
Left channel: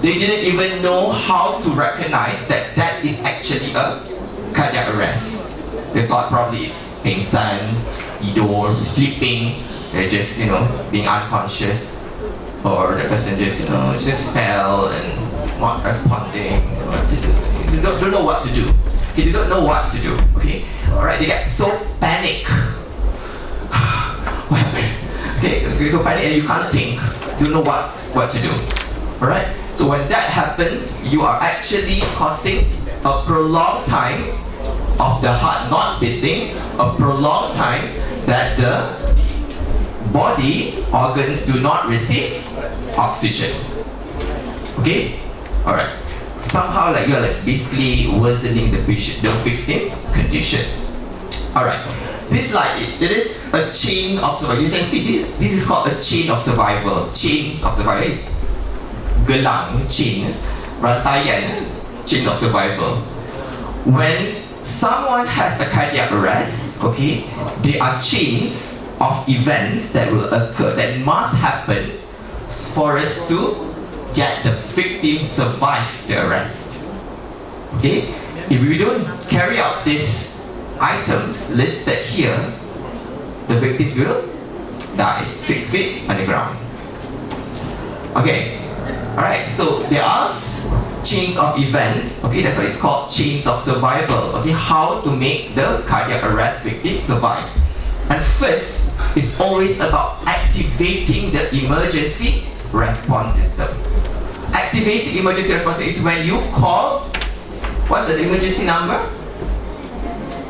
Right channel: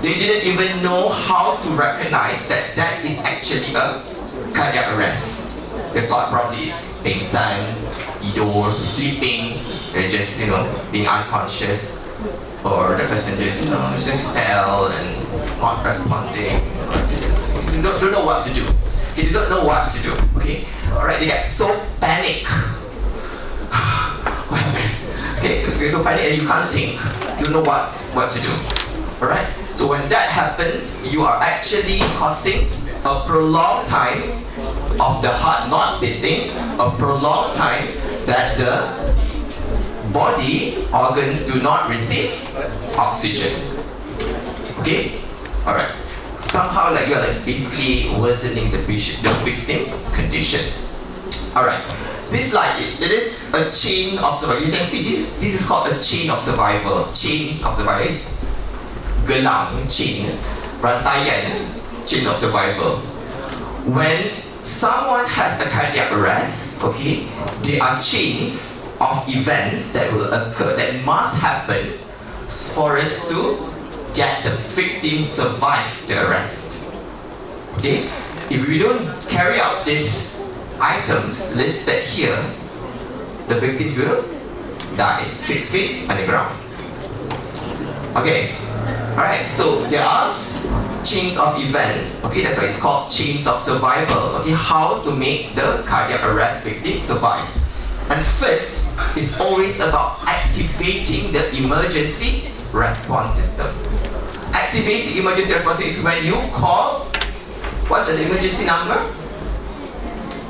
They didn't even know how to recognize that that is actually a cardiac arrest. They thought probably it's pingsan, tidur, sleeping, they're just, being unconscious, or the person just fell and not responding. They don't know what to do. Okay, they don't know what to do. Okay, all right. They get so panic. What happened? Okay, so panic and you can't think. You don't know what to do. All right. So when that happens, you are actually causing a prolonged time of the heart not beating, a prolonged time that the body organs do not receive oxygen. Okay, all right. Somehow you're basically worsening the victim's condition. Alright, this it is a chain of survival. You can see this is called a chain of survival. Chains of survival. Gelang, chain, rantaian, chain of survival. When someone has a cardiac arrest, okay, there are chains of events that will occur, that must happen for us to get the victim survive the arrest. Okay? If we don't carry out these items listed here, the victims will die 6 feet underground. Okay? Alright, so there are chains of events. Okay, that's why it's called chains of survival. Okay, how to make the cardiac arrest victim survive. And first is always about activating the emergency response system. Activate the emergency response is when you call, what's the emergency number?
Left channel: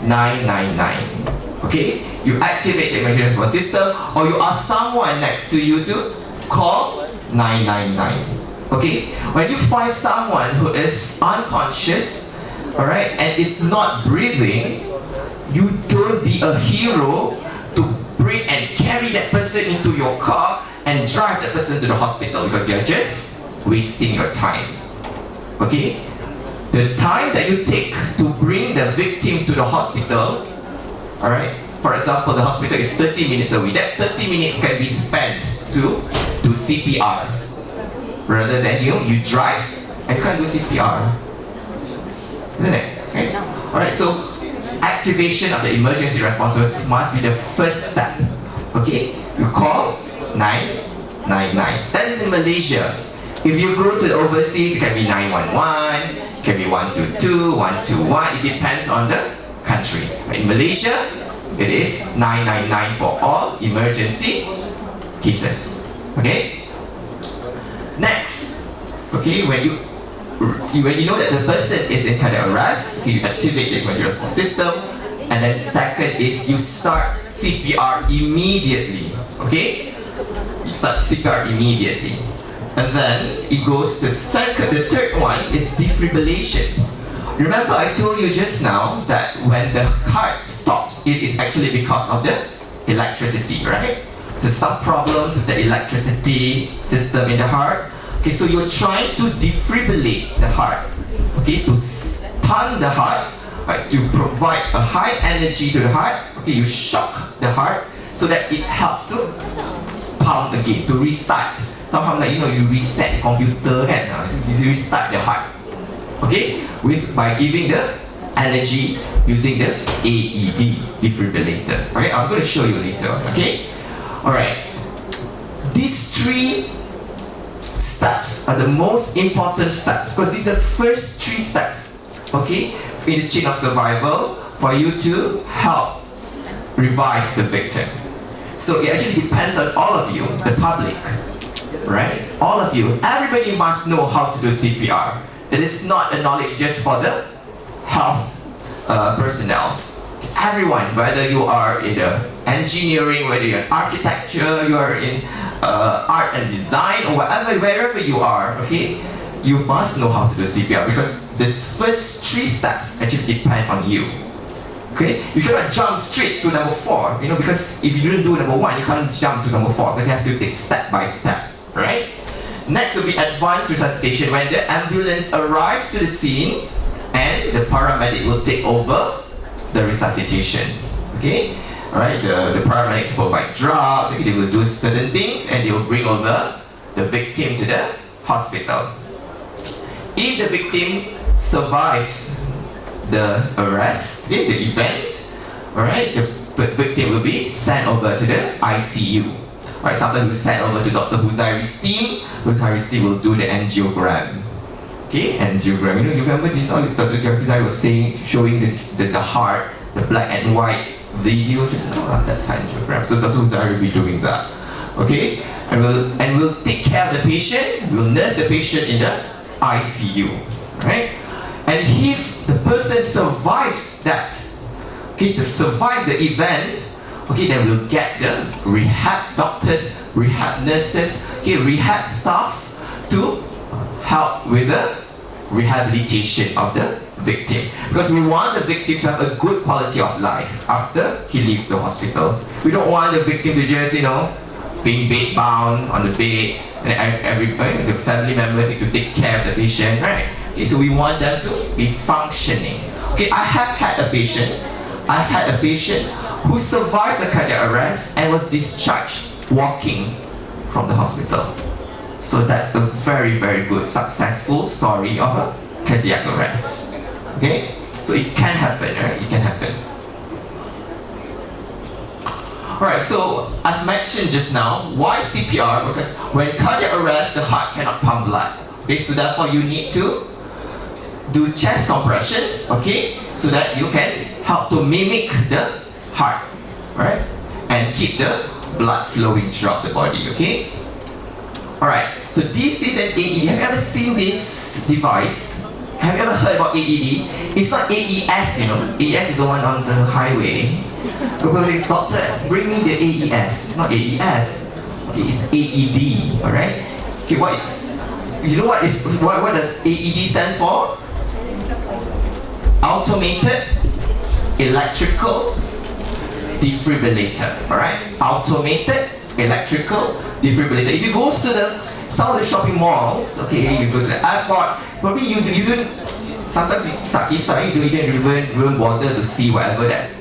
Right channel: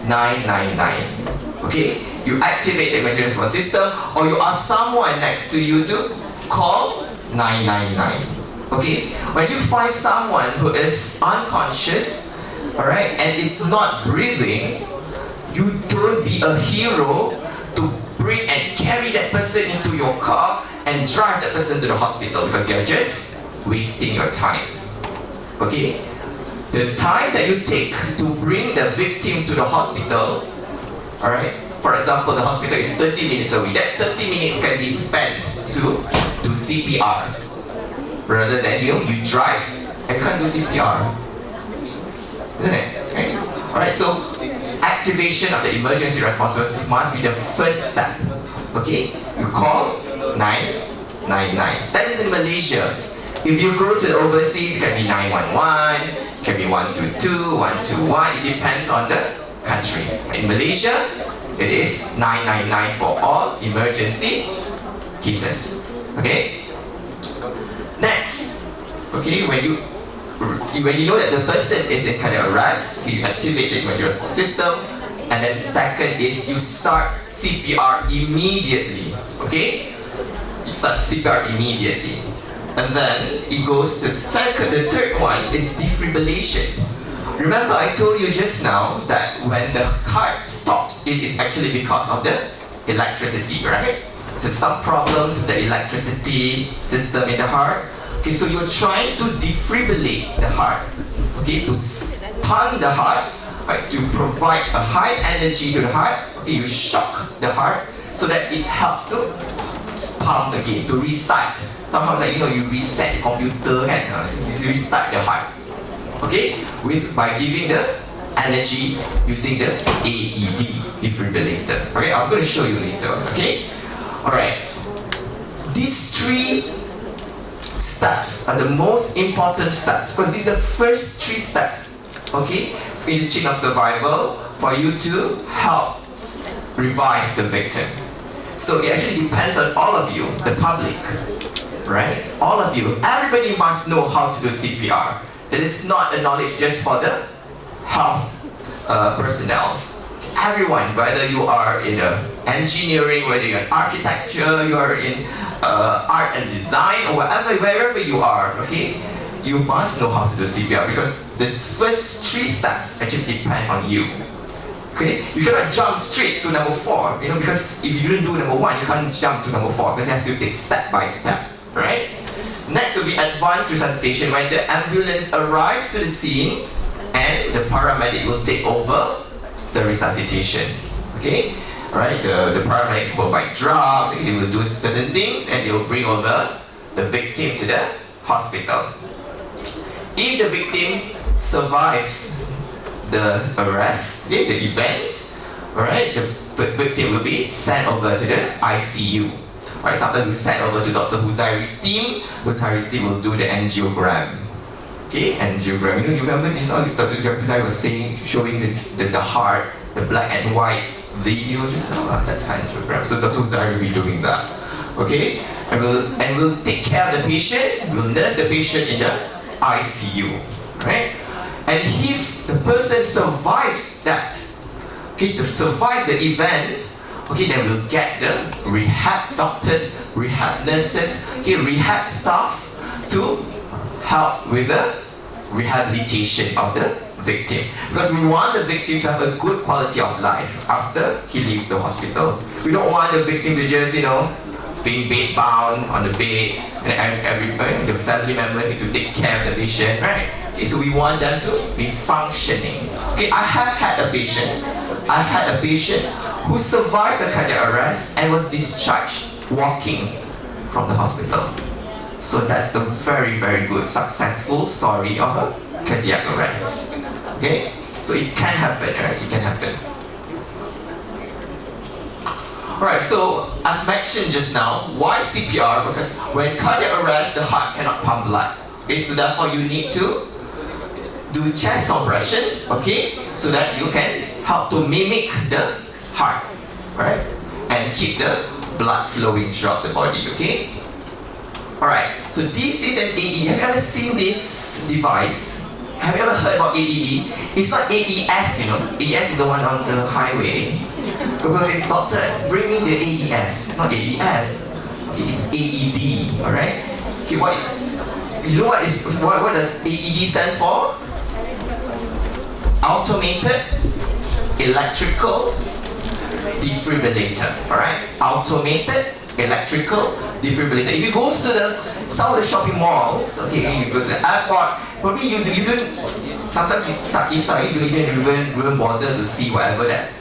999. Okay, you activate the emergency response system, or you ask someone next to you to call 999. Okay, when you find someone who is unconscious, alright, and is not breathing, you don't be a hero to bring and carry that person into your car and drive that person to the hospital, because you're just wasting your time. Okay? The time that you take to bring the victim to the hospital, alright, for example, the hospital is 30 minutes away. That 30 minutes can be spent to do CPR. Rather than you drive and can't do CPR. Isn't it? Okay? Alright, so activation of the emergency response must be the first step. Okay? You call 999. That is in Malaysia. If you go to the overseas, it can be 911, it can be 122, 121. It depends on the country. In Malaysia, it is 999 for all emergency cases. Okay? Next, okay, when you know that the person is in cardiac arrest, you activate the emergency response system, and then second is you start CPR immediately. Okay, you start CPR immediately, and then it goes to the third one is defibrillation. Remember, I told you just now that when the heart stops, it is actually because of the electricity, right? So some problems with the electricity system in the heart. Okay, so you're trying to defibrillate the heart. Okay, to stun the heart, right, to provide a high energy to the heart. Okay, you shock the heart so that it helps to pump again, to restart. Somehow you reset the computer, so you restart the heart. Okay, by giving the energy using the AED defibrillator. Okay, I'm going to show you later. Okay. Alright. These 3 steps are the most important steps because these are the first 3 steps, okay, in the chain of survival for you to help revive the victim. So it actually depends on all of you, the public, right? All of you, everybody must know how to do CPR. It is not a knowledge just for the health personnel. Everyone, whether you are in engineering, whether you're in architecture, you are in art and design, or wherever you are, okay, you must know how to do CPR because the first 3 steps actually depend on you. Okay, you cannot jump straight to number 4, you know, because if you didn't do number 1, you can't jump to number 4 because you have to take step by step, right? Next will be advanced resuscitation, when the ambulance arrives to the scene and the paramedic will take over the resuscitation. Okay, alright, the paramedics will provide drugs, okay, they will do certain things and they will bring over the victim to the hospital. If the victim survives the arrest, okay, the event, alright, the victim will be sent over to the ICU. Alright, sometimes we send over to Dr. Huzairi's team. Huzairi's team will do the angiogram. Okay, angiogram. You remember this? Dr. Huzairi was showing the heart, the black and white video. Just that's angiogram. So Dr. Huzairi will be doing that. Okay, and we'll take care of the patient. We'll nurse the patient in the ICU. Right, and if the person survives that, okay, survives the event, okay, then we'll get the rehab doctors, rehab nurses, okay, rehab staff to help with the rehabilitation of the victim. Because we want the victim to have a good quality of life after he leaves the hospital. We don't want the victim to just, you know, being bed bound on the bed, and the family members need to take care of the patient, right? Okay, so we want them to be functioning. Okay, I have had a patient who survives a cardiac arrest and was discharged walking from the hospital. So that's the very, very good, successful story of a cardiac arrest. Okay? So it can happen, right? It can happen. Alright, so I've mentioned just now, why CPR? Because when cardiac arrest, the heart cannot pump blood. Okay, so therefore you need to do chest compressions, okay, so that you can help to mimic the heart, right, and keep the blood flowing throughout the body, okay. Alright, so this is an AED. Have you ever seen this device? Have you ever heard about AED? It's not AES, you know. AES is the one on the highway. Doctor, bring me the AES. It's not AES. It's AED, alright. Okay, you know what does AED stands for? Automated electrical defibrillator. Alright? Automated electrical defibrillator. If you go to some of the shopping malls, okay, you go to the airport, probably you don't, sometimes you tak kisah, you don't even bother to see whatever that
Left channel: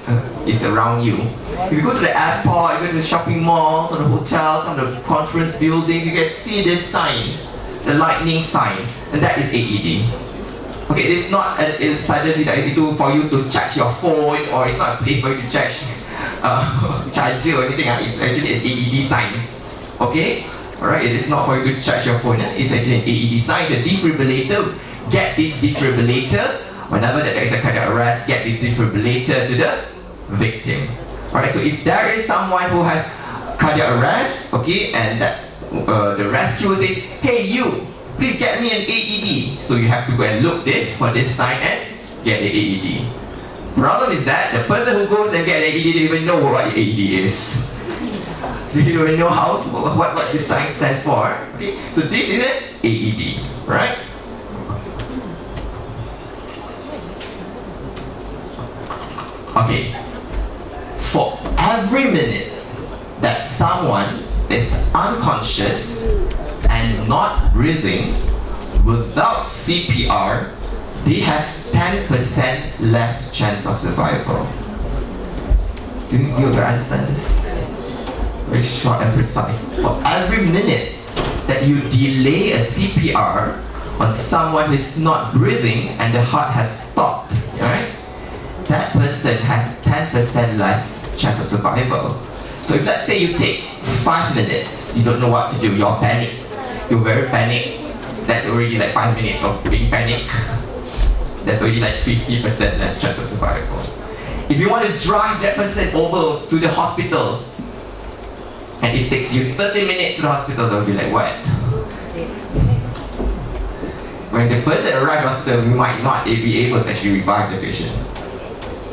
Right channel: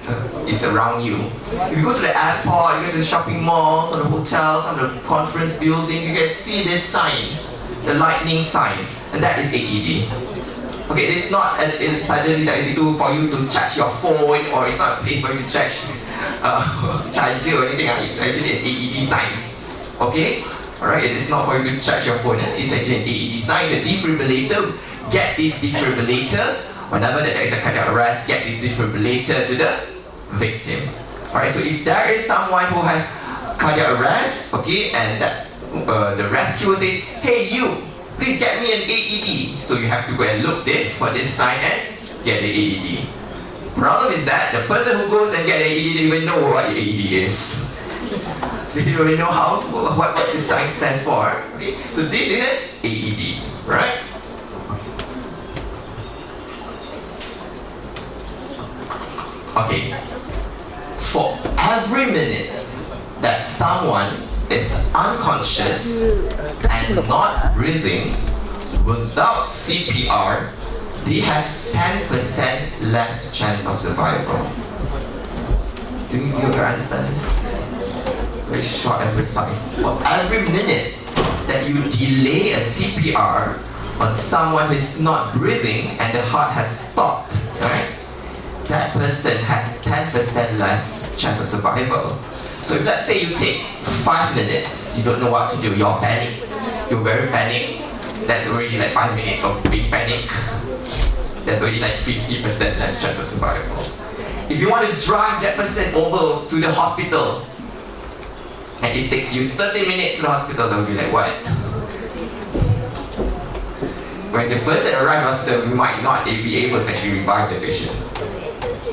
is around you. If you go to the airport, you go to the shopping malls, or the hotels, or the conference buildings, you can see this sign, the lightning sign, and that is AED. Okay, it's not suddenly that it do for you to charge your phone, or it's not a place for you to charge charger or anything. It's actually an AED sign. Okay, alright. It is not for you to charge your phone. It's actually an AED sign. It's a defibrillator. Get this defibrillator whenever there is a cardiac arrest. Get this defibrillator to the victim. Alright. So if there is someone who has cardiac arrest, okay, and that the rescuer says, "Hey, you, please get me an AED." So you have to go and look for this sign and get the AED. Problem is that the person who goes and get an AED didn't even know what the AED is. They didn't even know what this sign stands for. Okay, so this is an AED, right? Okay, for every minute that someone is unconscious and not breathing without CPR, they have 10% less chance of survival. Do you understand this? Very short and precise. For every minute that you delay a CPR on someone who is not breathing and the heart has stopped, right? That person has 10% less chance of survival. So if let's say you take 5 minutes, you don't know what to do, you're panic. You're very panic. That's already like 5 minutes of being panic. That's already like 50% less chance of survival. If you want to drive that person over to the hospital, and it takes you 30 minutes to the hospital, they'll be like, what? When the person arrives at the hospital, we might not be able to actually revive the patient.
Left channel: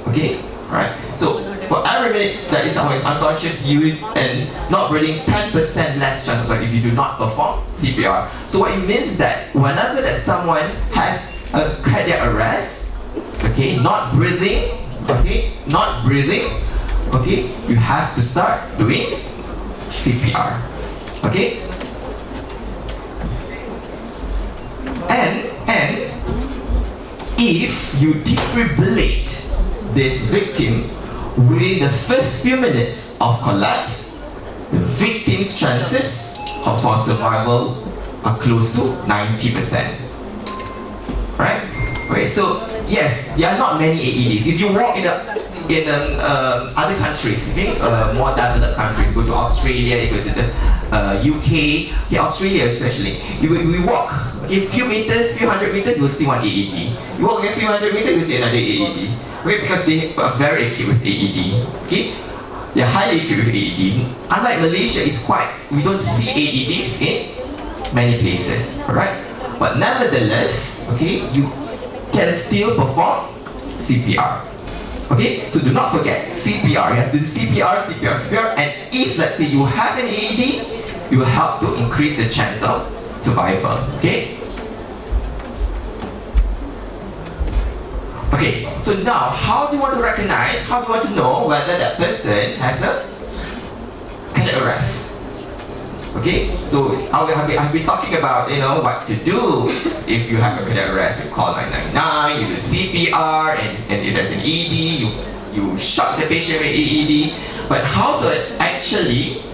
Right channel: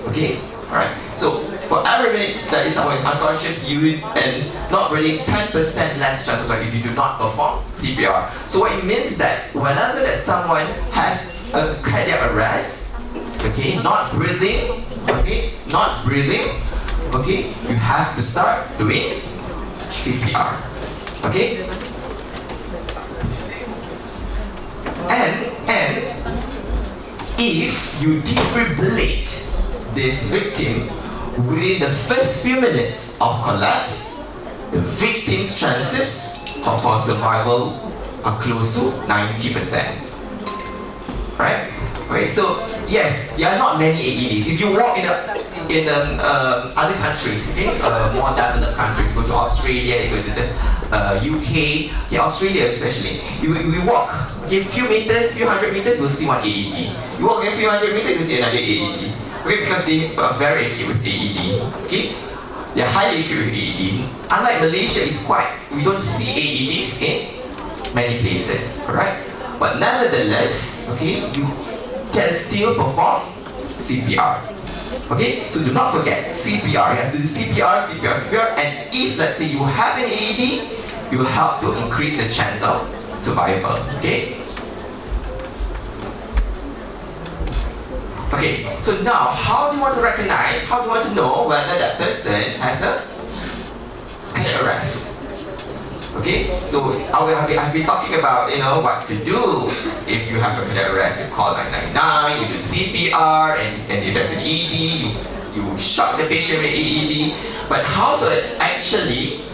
Okay? Alright? So, for every minute that is someone is unconscious, you and not breathing, 10% less chances if you do not perform CPR. So what it means is that whenever that someone has a cardiac arrest, okay, not breathing, okay, you have to start doing CPR. Okay? And if you defibrillate this victim within the first few minutes of collapse, the victim's chances for survival are close to 90%. Right? Okay, so yes, there are not many AEDs. If you walk in other countries, okay, more developed countries, go to Australia, you go to the UK, okay, Australia especially, we walk a few meters, few hundred meters, you'll see one AED. You walk a few hundred meters, you'll see another AED. Okay, because they are very equipped with AED. Okay, they are highly equipped with AED. Unlike Malaysia, we don't see AEDs in many places. Alright, but nevertheless, okay, you can still perform CPR. Okay, so do not forget CPR. You have to do CPR, and if let's say you have an AED, it will help to increase the chance of survival. Okay. Okay, so now how do you want to recognize, how do you want to know whether that person has a cardiac arrest? Okay, so I've been talking about, what to do if you have a cardiac arrest. You call 999, you do CPR, and if there's an AED, you shock the patient with AED. But how to actually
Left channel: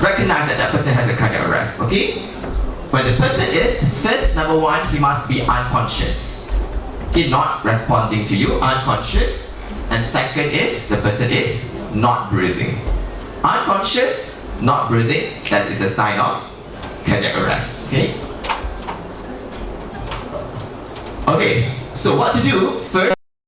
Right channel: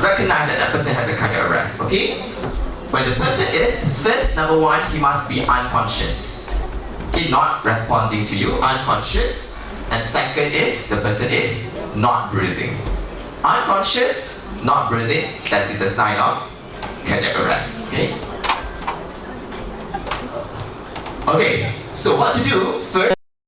recognize that person has a cardiac arrest? Okay, when the person is, first, number one, he must be unconscious. Okay, not responding to you, unconscious. And second is, the person is not breathing. Unconscious, not breathing, that is a sign of cardiac arrest. Okay? Okay, so what to do? First,